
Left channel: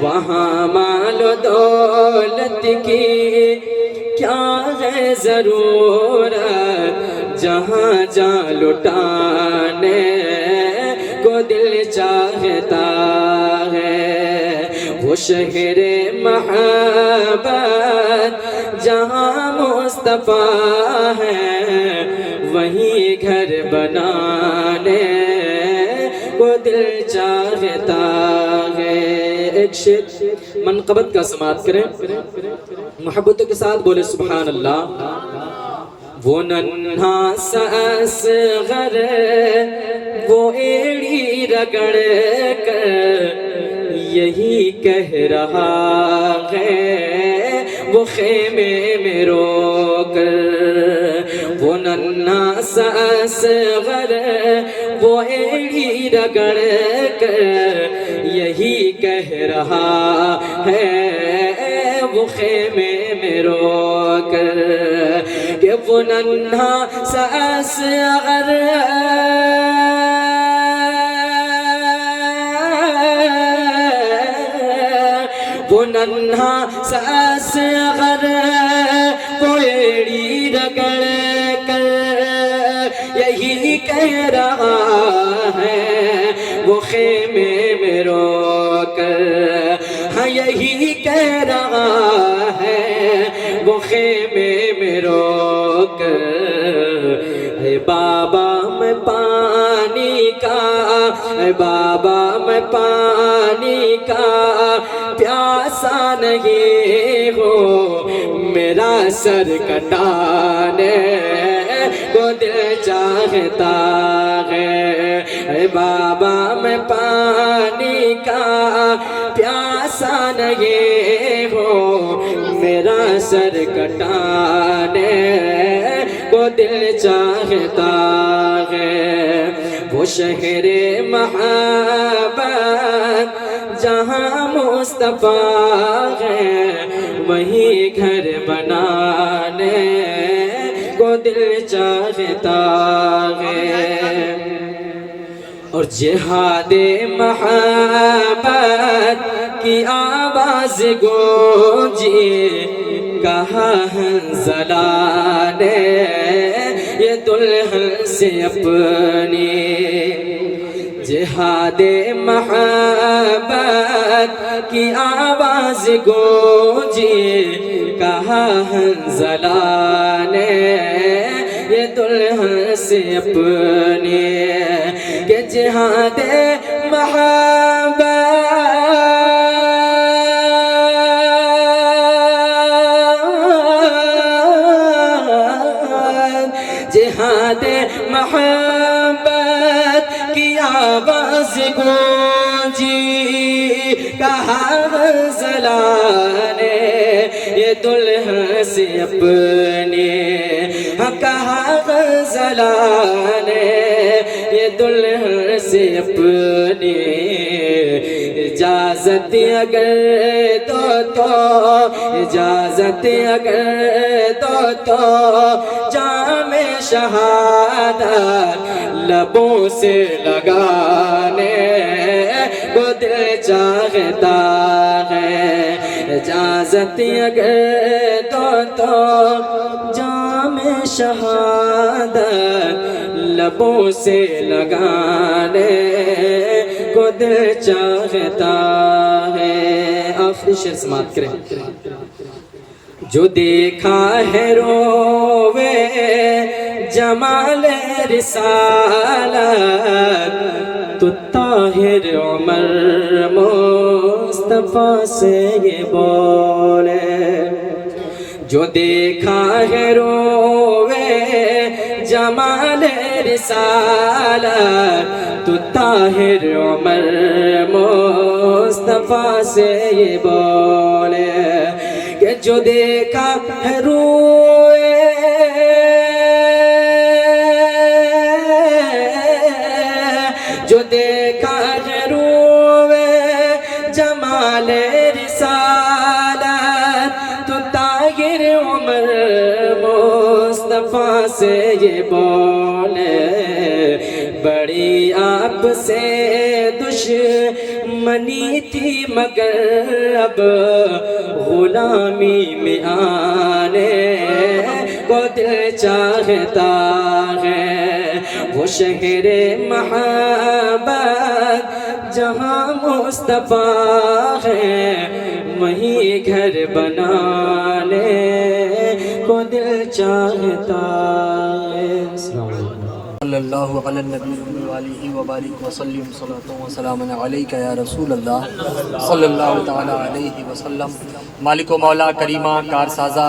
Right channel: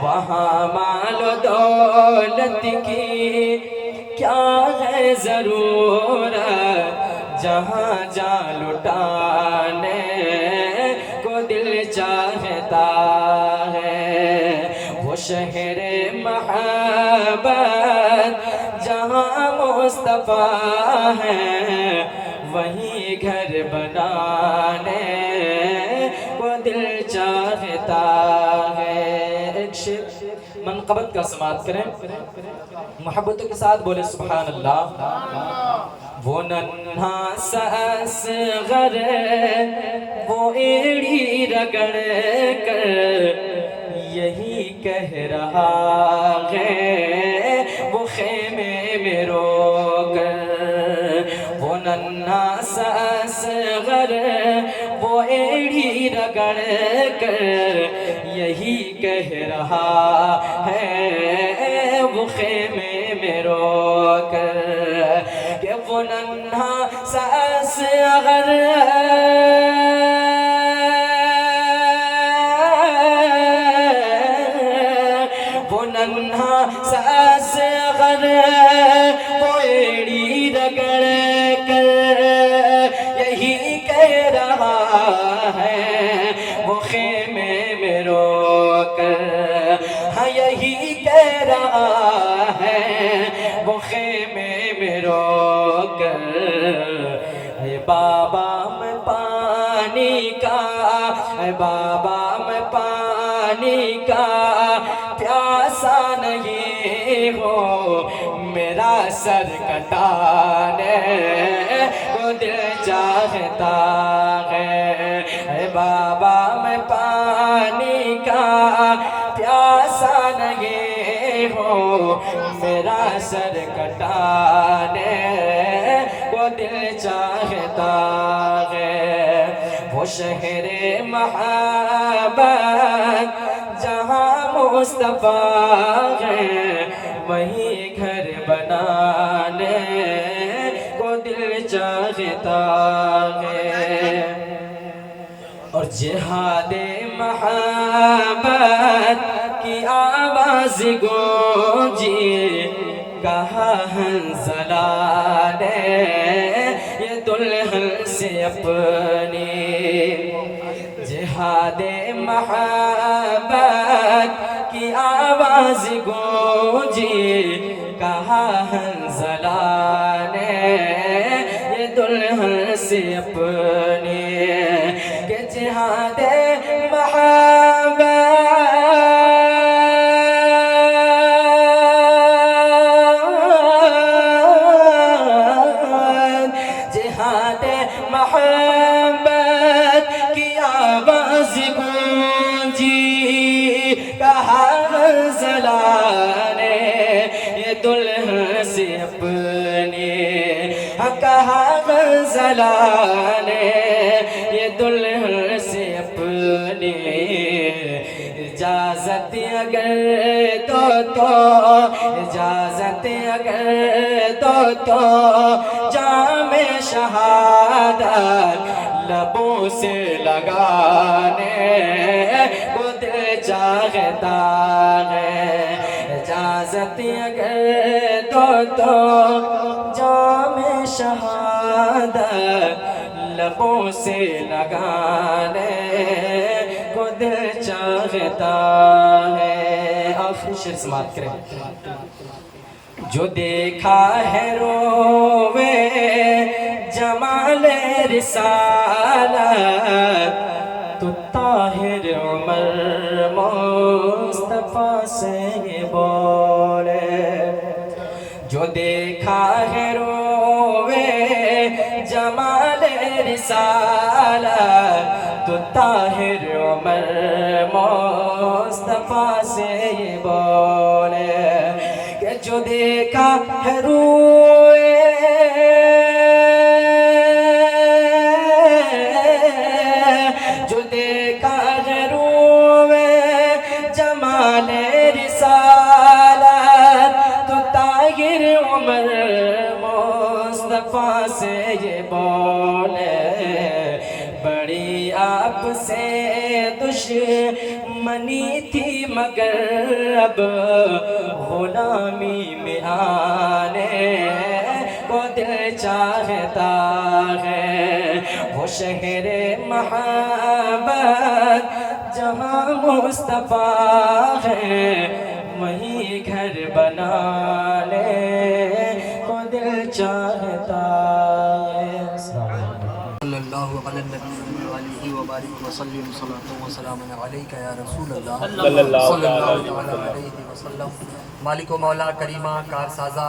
وہاں مال و دولت کی کیا ہے ضرورت جہاں جا لٹانے کو دل چاہتا ہے وہ شہر محبت جہاں مصطفیٰ ہے وہیں گھر بنانے کو دل چاہتا ہے ایک شعر منقبت کا سماعت کریں محبتوں کے ساتھ بولے سبحان اللہ وہ ننھا سا اصغر وہ ایڑی رگڑ کر یہی کہہ رہا ہے وہ خیمے میں رو کر وہ ننھا سا اصغر وہ ایڑی رگڑ کر یہی کہہ رہا ہے وہ خیمے میں رو کر کہ وہ ننھا سا اصغر وہ ننھا سا اصغر وہ ایڑی رگڑ کر یہی کہہ رہا ہے وہ خیمے میں رو کر ہاں یہی کہہ رہا ہے وہ خیمے میں رو کر اے بابا میں پانی کا اے بابا میں پانی کا پیاسا نہیں ہو میرا سر کٹانے کو دل چاہتا ہے اے بابا میں پانی کا پیاسا نہیں ہو میرا سر کٹانے کو دل چاہتا ہے وہ شہر محبت جہاں مصطفیٰ ہے وہیں گھر بنانے کو دل چاہتا ہے اور جہاد محبت کی آواز آواز گونجی کہا حنظلہ نے یہ دلہن سے اپنی جہاد محبت کی آواز گونجی کہا حنظلہ نے یہ دلہن سے اپنی کہ جہاد جہاد محبت کی آواز گونجی کہا حنظلہ نے یہ دلہن سے اپنی کہا حنظلہ نے یہ دلہن سے اپنی اجازت اگر تو اجازت اگر تو جام شہادت لبوں سے لگانے کو دل چاہتا ہے اجازت اگر تو جام شہادت لبوں سے لگانے کو دل چاہتا ہے آخری شعر سماعت کریں جو دیکھا ہے روے جمال رسالت تو طاہر عمر مصطفیٰ سے یہ بولے جو دیکھا ہے روے جمال رسالت تو طاہر عمر مصطفیٰ سے یہ بولے کہ جو دیکھا ہے روئے جو دیکھا ہے روئے جمال رسالت تو طاہر عمر مصطفیٰ سے یہ بولے بڑی آپ سے دشمنی تھی مگر اب غلامی میں آنے کو دل چاہتا ہے وہ شہر محبت جہاں مصطفیٰ ہے وہیں گھر بنانے کو دل چاہتا ہے صلی اللہ علی النبی وآلہ وبارک وسلم صلاۃ و سلام علیک یا رسول اللہ صلی اللہ تعالی علیہ وسلم مالک و مولا کریمہ کارسازہ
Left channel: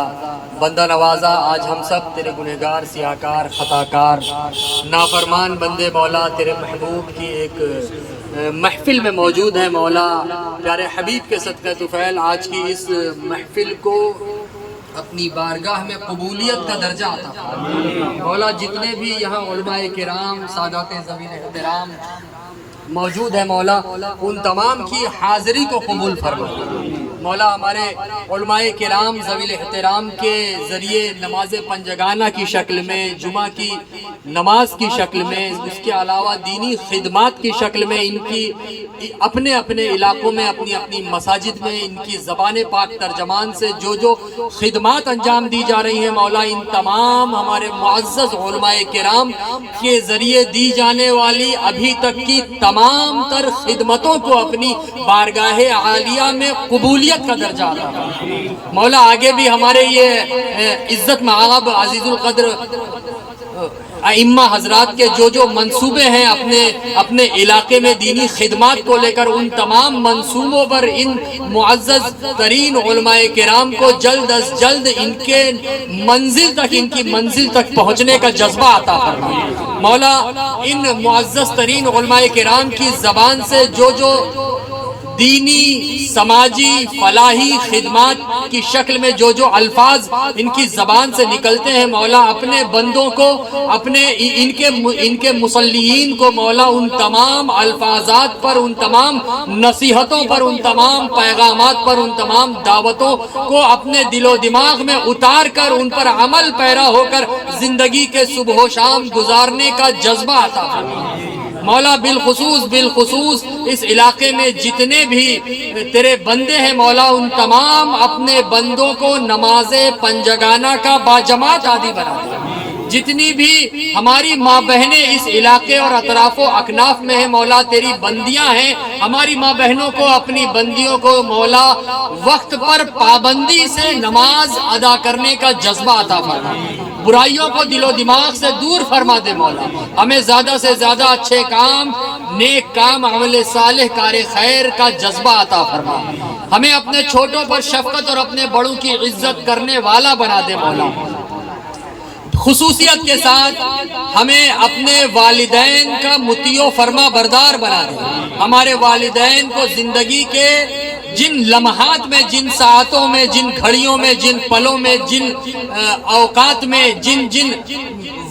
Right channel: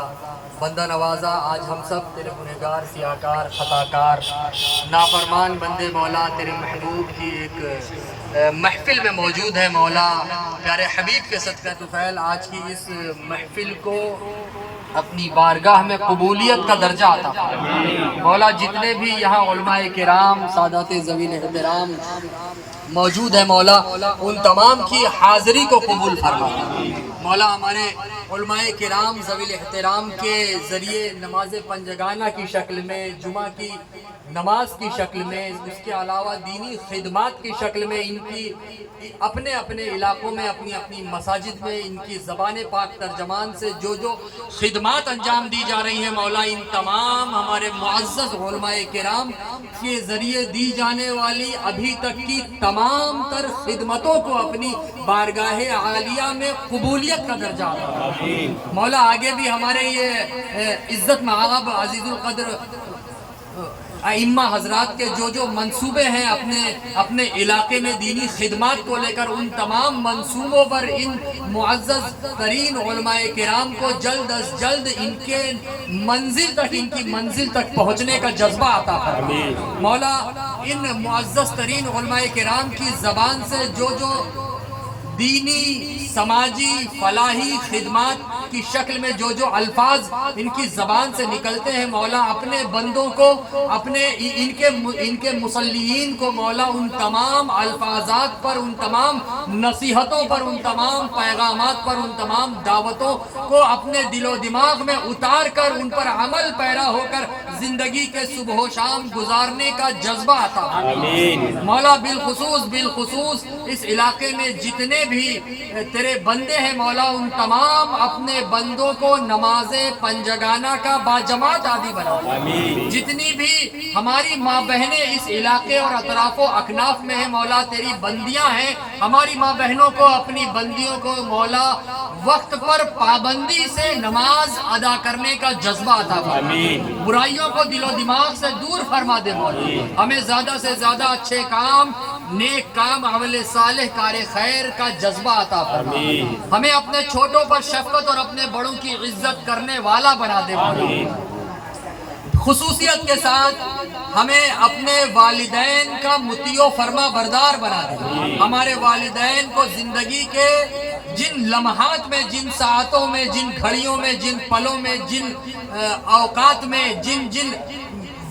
بندہ نوازا آج ہم سب تیرے گنہگار سیاہکار خطاکار نافرمان بندے مولا تیرے محبوب کی ایک محفل میں موجود ہیں مولا پیارے حبیب کے صدقہ طفیل آج کی اس محفل کو اپنی بارگاہ میں قبولیت کا درجہ عطا فرما مولا جتنے بھی یہاں علماء کرام سادات ذوی الاحترام موجود ہیں مولا ان تمام کی حاضری کو قبول فرما مولا ہمارے علماء کرام ذوی الاحترام کے ذریعے نماز پنجگانہ کی شکل میں جمعہ کی نماز کی شکل میں اس کے علاوہ دینی خدمات کی شکل میں ان کی اپنے اپنے علاقوں میں اپنی اپنی مساجد میں ان کی زبان پاک ترجمان سے جو خدمات انجام دی جا رہی ہیں مولا ان تمام ہمارے معزز علماء کرام کے ذریعے دی جانے والی ابھی تک کی تمام تر خدمتوں کو اپنی بارگاہ عالیہ میں قبولیت کا درجہ عطا مولا آگے بھی ہمارے یہ عزت مآب عزیز القدر ائمہ حضرات کے جو منصوبے ہیں اپنے علاقے میں دینی خدمات کو لے کر ان تمام منصوبوں پر ان معزز ترین علماء کرام کو جلد از جلد ان کی منزل تک پہنچنے کا جذبہ عطا فرما مولا ان معزز ترین علماء کرام کی زبان سے جو دینی سماجی فلاحی خدمات کی شکل میں جو الفاظ ان کی زبان سے نکلتے ہیں مولا اپنے بندوں کو ان کے مصلیین کو مولا ان تمام الفاظات پر ان تمام نصیحتوں پر ان تمام پیغامات پر ان تمام دعوتوں کو اپنے دل و دماغ میں اتار کر ان پر عمل پیرا ہو کر زندگی کے صبح و شام گزارنے کا جذبہ عطا فرما مولا بالخصوص اس علاقے میں جتنے جتنے بھی تیرے بندے ہیں مولا ان تمام اپنے بندوں کو نماز پنجگانہ کا باجماعت عادی بنا دے۔ جتنی بھی ہماری ماں بہنیں اس علاقے اور اطراف و اکناف میں ہیں مولا تیری بندیاں ہیں، ہماری ماں بہنوں کو اپنی بندیوں کو مولا وقت پر پابندی سے نماز ادا کرنے کا جذبہ عطا فرما، برائیوں کو دل و دماغ سے دور فرما دے مولا، ہمیں زیادہ سے زیادہ اچھے کام، نیک کام، عمل صالح، کار خیر کا جذبہ عطا فرما، ہمیں اپنے چھوٹوں پر شفقت اور اپنے بڑوں کی عزت کرنے والا بنا دے مولا، خصوصیت کے ساتھ ہمیں اپنے والدین کا مطیع و فرما بردار بنا دے، ہمارے والدین کو زندگی کے جن لمحات میں، جن ساعتوں میں، جن گھڑیوں میں، جن پلوں میں، جن اوقات میں، جن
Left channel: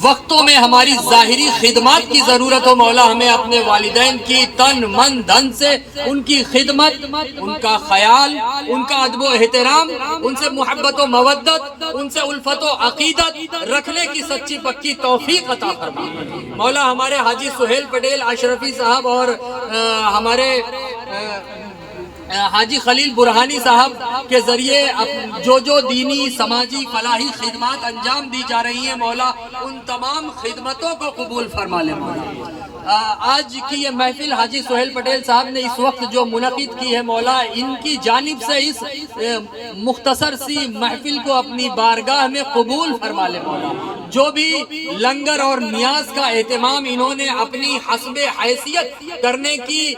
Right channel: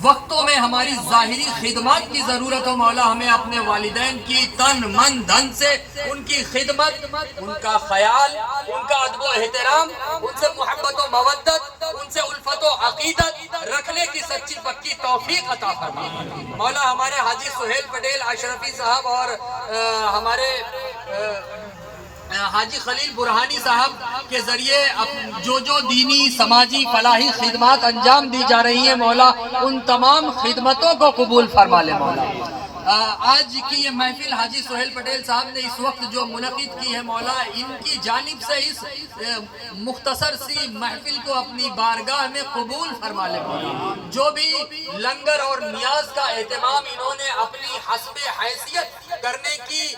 وقتوں میں ہماری ظاہری خدمات کی ضرورت ہو مولا، ہمیں اپنے والدین کی تن من دھن سے ان کی خدمت، ان کا خیال، ان کا ادب و احترام، ان سے محبت و مودت، ان سے الفت و عقیدت رکھنے کی سچی پکی توفیق عطا فرما مولا۔ ہمارے حاجی سہیل پٹیل اشرفی صاحب اور ہمارے حاجی خلیل برہانی صاحب کے ذریعے جو دینی سماجی فلاحی خدمات انجام دی جا رہی ہیں مولا، ان تمام خدمتوں کو قبول فرما لے مولا۔ آج کی یہ محفل حاجی سہیل پٹیل صاحب نے اس وقت جو منعقد کی ہے مولا، ان کی جانب سے اس مختصر سی محفل کو اپنی بارگاہ میں قبول فرما لے مولا۔ جو بھی لنگر اور نیاز کا اہتمام انہوں نے اپنی حسب حیثیت کرنے کی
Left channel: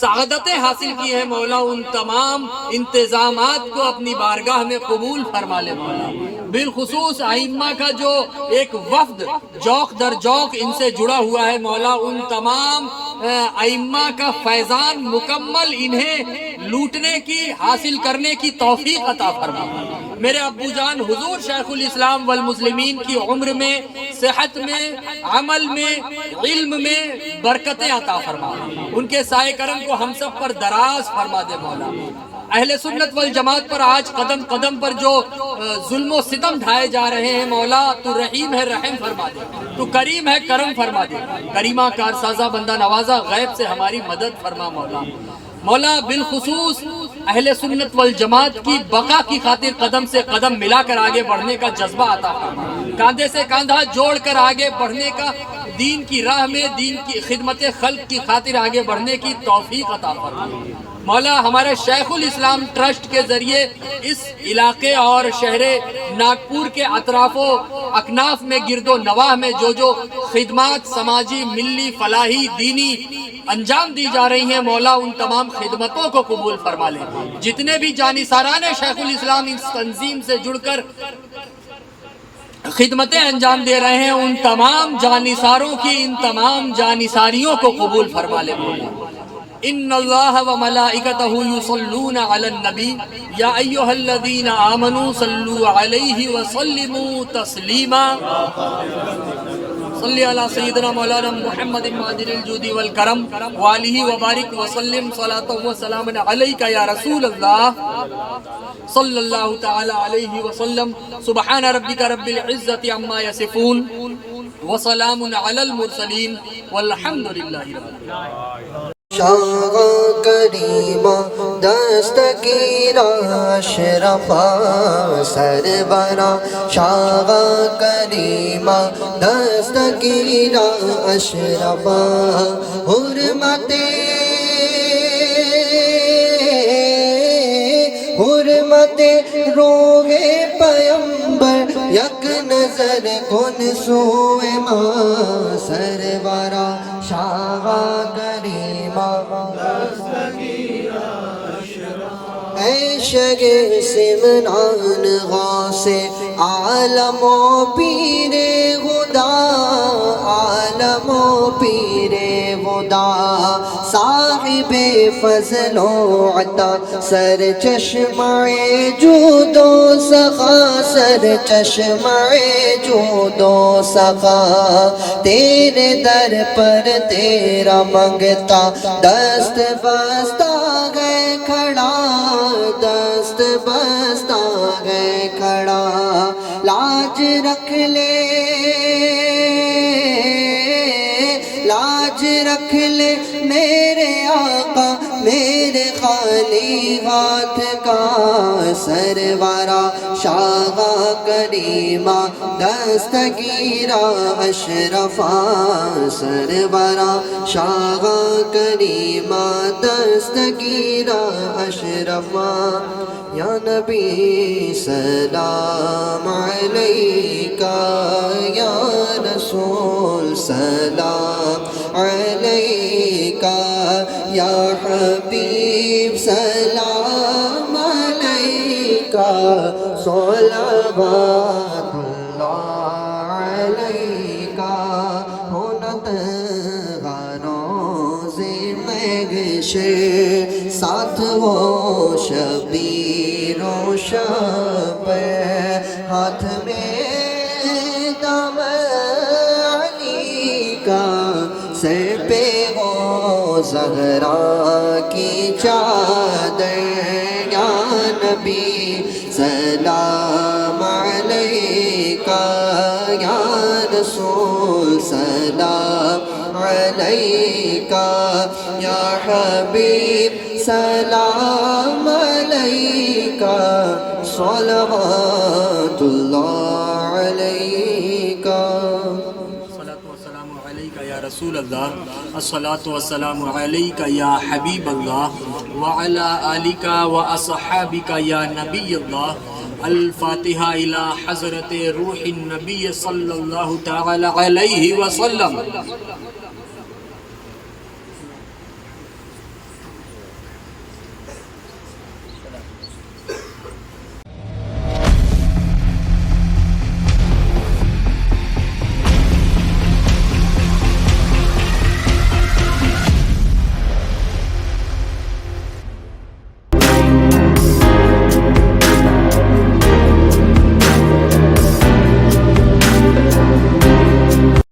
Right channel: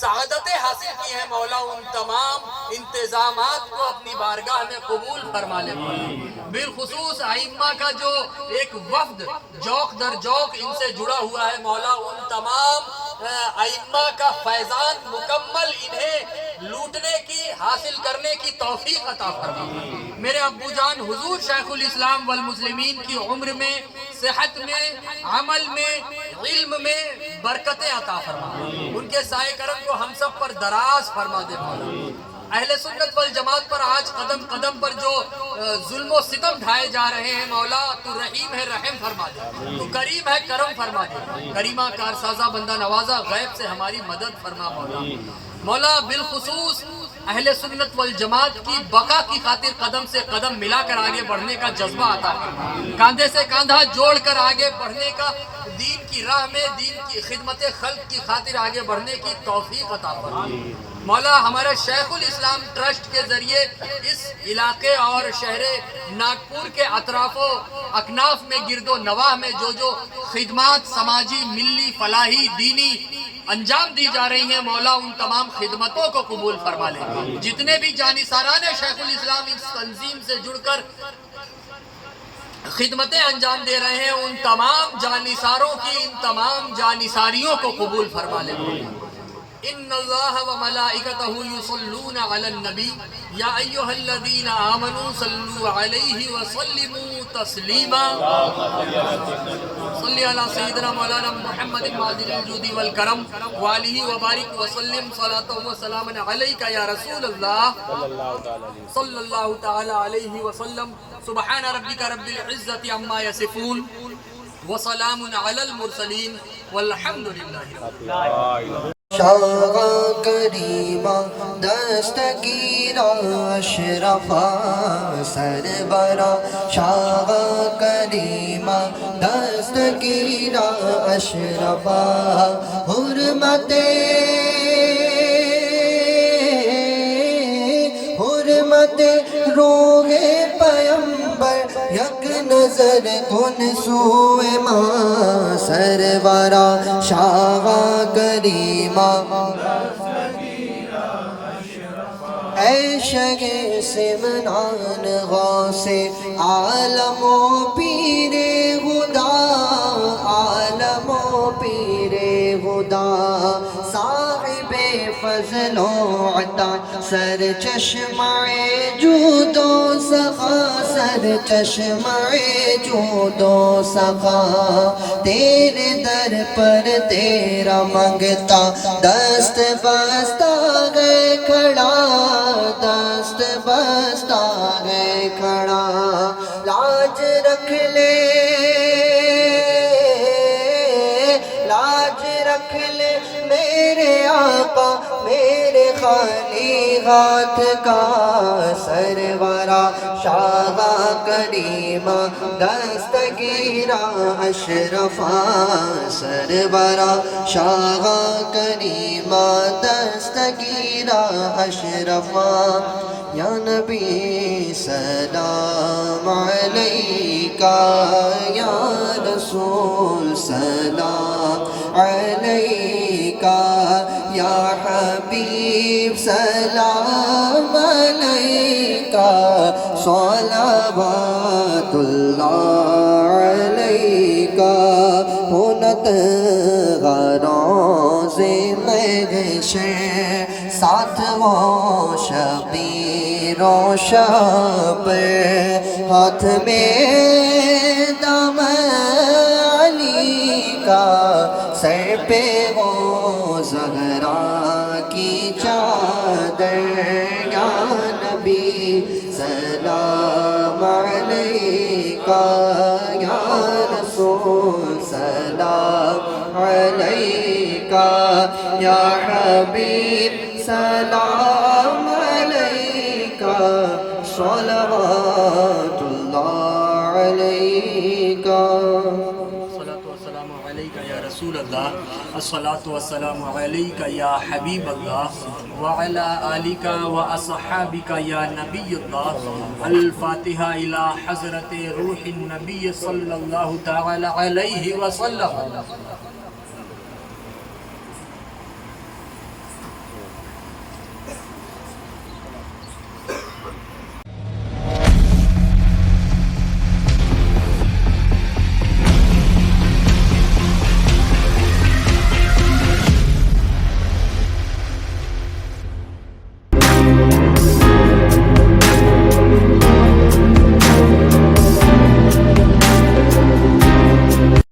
سعادتیں حاصل کی ہے مولا، ان تمام انتظامات کو اپنی بارگاہ میں قبول فرما لے مولا۔ بالخصوص ائمہ کا جو ایک وفد جوق در جوق ان سے جڑا ہوا ہے مولا، ان تمام ائمہ کا فیضان مکمل انہیں لوٹنے کی، حاصل کرنے کی توفیق عطا فرما۔ میرے ابو جان حضور شیخ الاسلام والمسلمین کی عمر میں، صحت میں، عمل میں، علم میں برکتیں عطا فرما، ان کے سائے کرم کو ہم سب پر دراز فرما دے مولا۔ اہل سنت والجماعت پر آج قدم قدم پر جو ظلم و ستم ڈھائے جا رہے ہیں مولا، تو رحیم ہے رحم فرما دے، تو کریم ہے کرم فرما دے، کریمہ کارسازہ بندہ نوازہ غیب سے ہماری مدد فرما مولا۔ مولا بالخصوص اہل سنت والجماعت کی بقا کی خاطر قدم سے قدم ملا کر آگے بڑھنے کا جذبہ عطا فرما، کاندھے سے کاندھا جوڑ کر آگے بڑھنے کا، دین کی راہ میں دین کی خدمت خلق کی خاطر آگے بڑھنے کی توفیق عطا فرما مولا۔ ہمارے شیخ الاسلام ٹرسٹ کے ذریعے اس علاقے اور شہر ناگپور کے اطراف و اکناف میں، گرد و نواح میں جو خدمات سماجی، ملی، فلاحی، دینی انجام دی جا رہی ہیں مولا، ان تمام خدمتوں کو قبول فرما لے۔ جتنے بھی جانثاران شیخ الاسلام اس تنظیم سے جڑ کر خدمتیں انجام دے رہے ہیں، ان تمام جانثاروں کی، ان تمام جانثاریوں کو قبول فرما لے مولا۔ ان اللہ و ملائکتہ یصلون علی النبی یا ایھا الذین آمنوا صلوا علیہ وسلموا تسلیما۔ صلی علی سیدنا مولانا محمد معدن الجود والکرم وآلہ وبارک وسلم صلاۃ و سلام علیک یا رسول اللہ صلی اللہ تعالی علیہ وسلم۔ سبحان ربک رب العزت عما یصفون وسلام علی المرسلین والحمد للہ رب العالمین۔ شاہ کریمہ دستگیرہ اشرفا سرورا، شاہ کریمہ دستگیرہ اشرفا، حرمت روح پیمبر یک نظر کن سوئے ماں سرورا، شاہ کریمہ اے شگ سمنان غوث عالم و پیر خدا، عالم و پیر خدا، صاحب فضل و عطا، سر چشمہ جود و سخا، سر چشمہ جود و سخا، تیرے در پر تیرا منگتا دست بستہ گئے کھڑا، دست بستہ گئے کھڑا، لاج رکھ لے، لاج رکھ لے میرے آقا، میرے نعت کا سرورا شاہ کریمہ دستگیرہ اشرفا سرورا شاہ کریمہ دستگیرہ اشرفا یا نبی سلام علیکہ یا رسول سلام علیکہ یا حبیب سلام علیکہ صلوات اللہ علیکہ ہونت غروز محشر ساتھ وہ شبیر و شابر ہاتھ میں دم علی کا سر پہ وہ زہرا کی چادر یا نبی سلام علیکہ یا رسول سلام علیکہ یا حبیب سلام علیکہ صلوات اللہ علیکہ الصلاة والسلام علیکہ یا رسول اللہ الصلاة والسلام علیکہ یا حبیب اللہ وعلا آلکہ و اصحابکہ یا نبی اللہ الفاتحہ الی حضرت روح النبی صلی اللہ تعالی علیہ وسلم.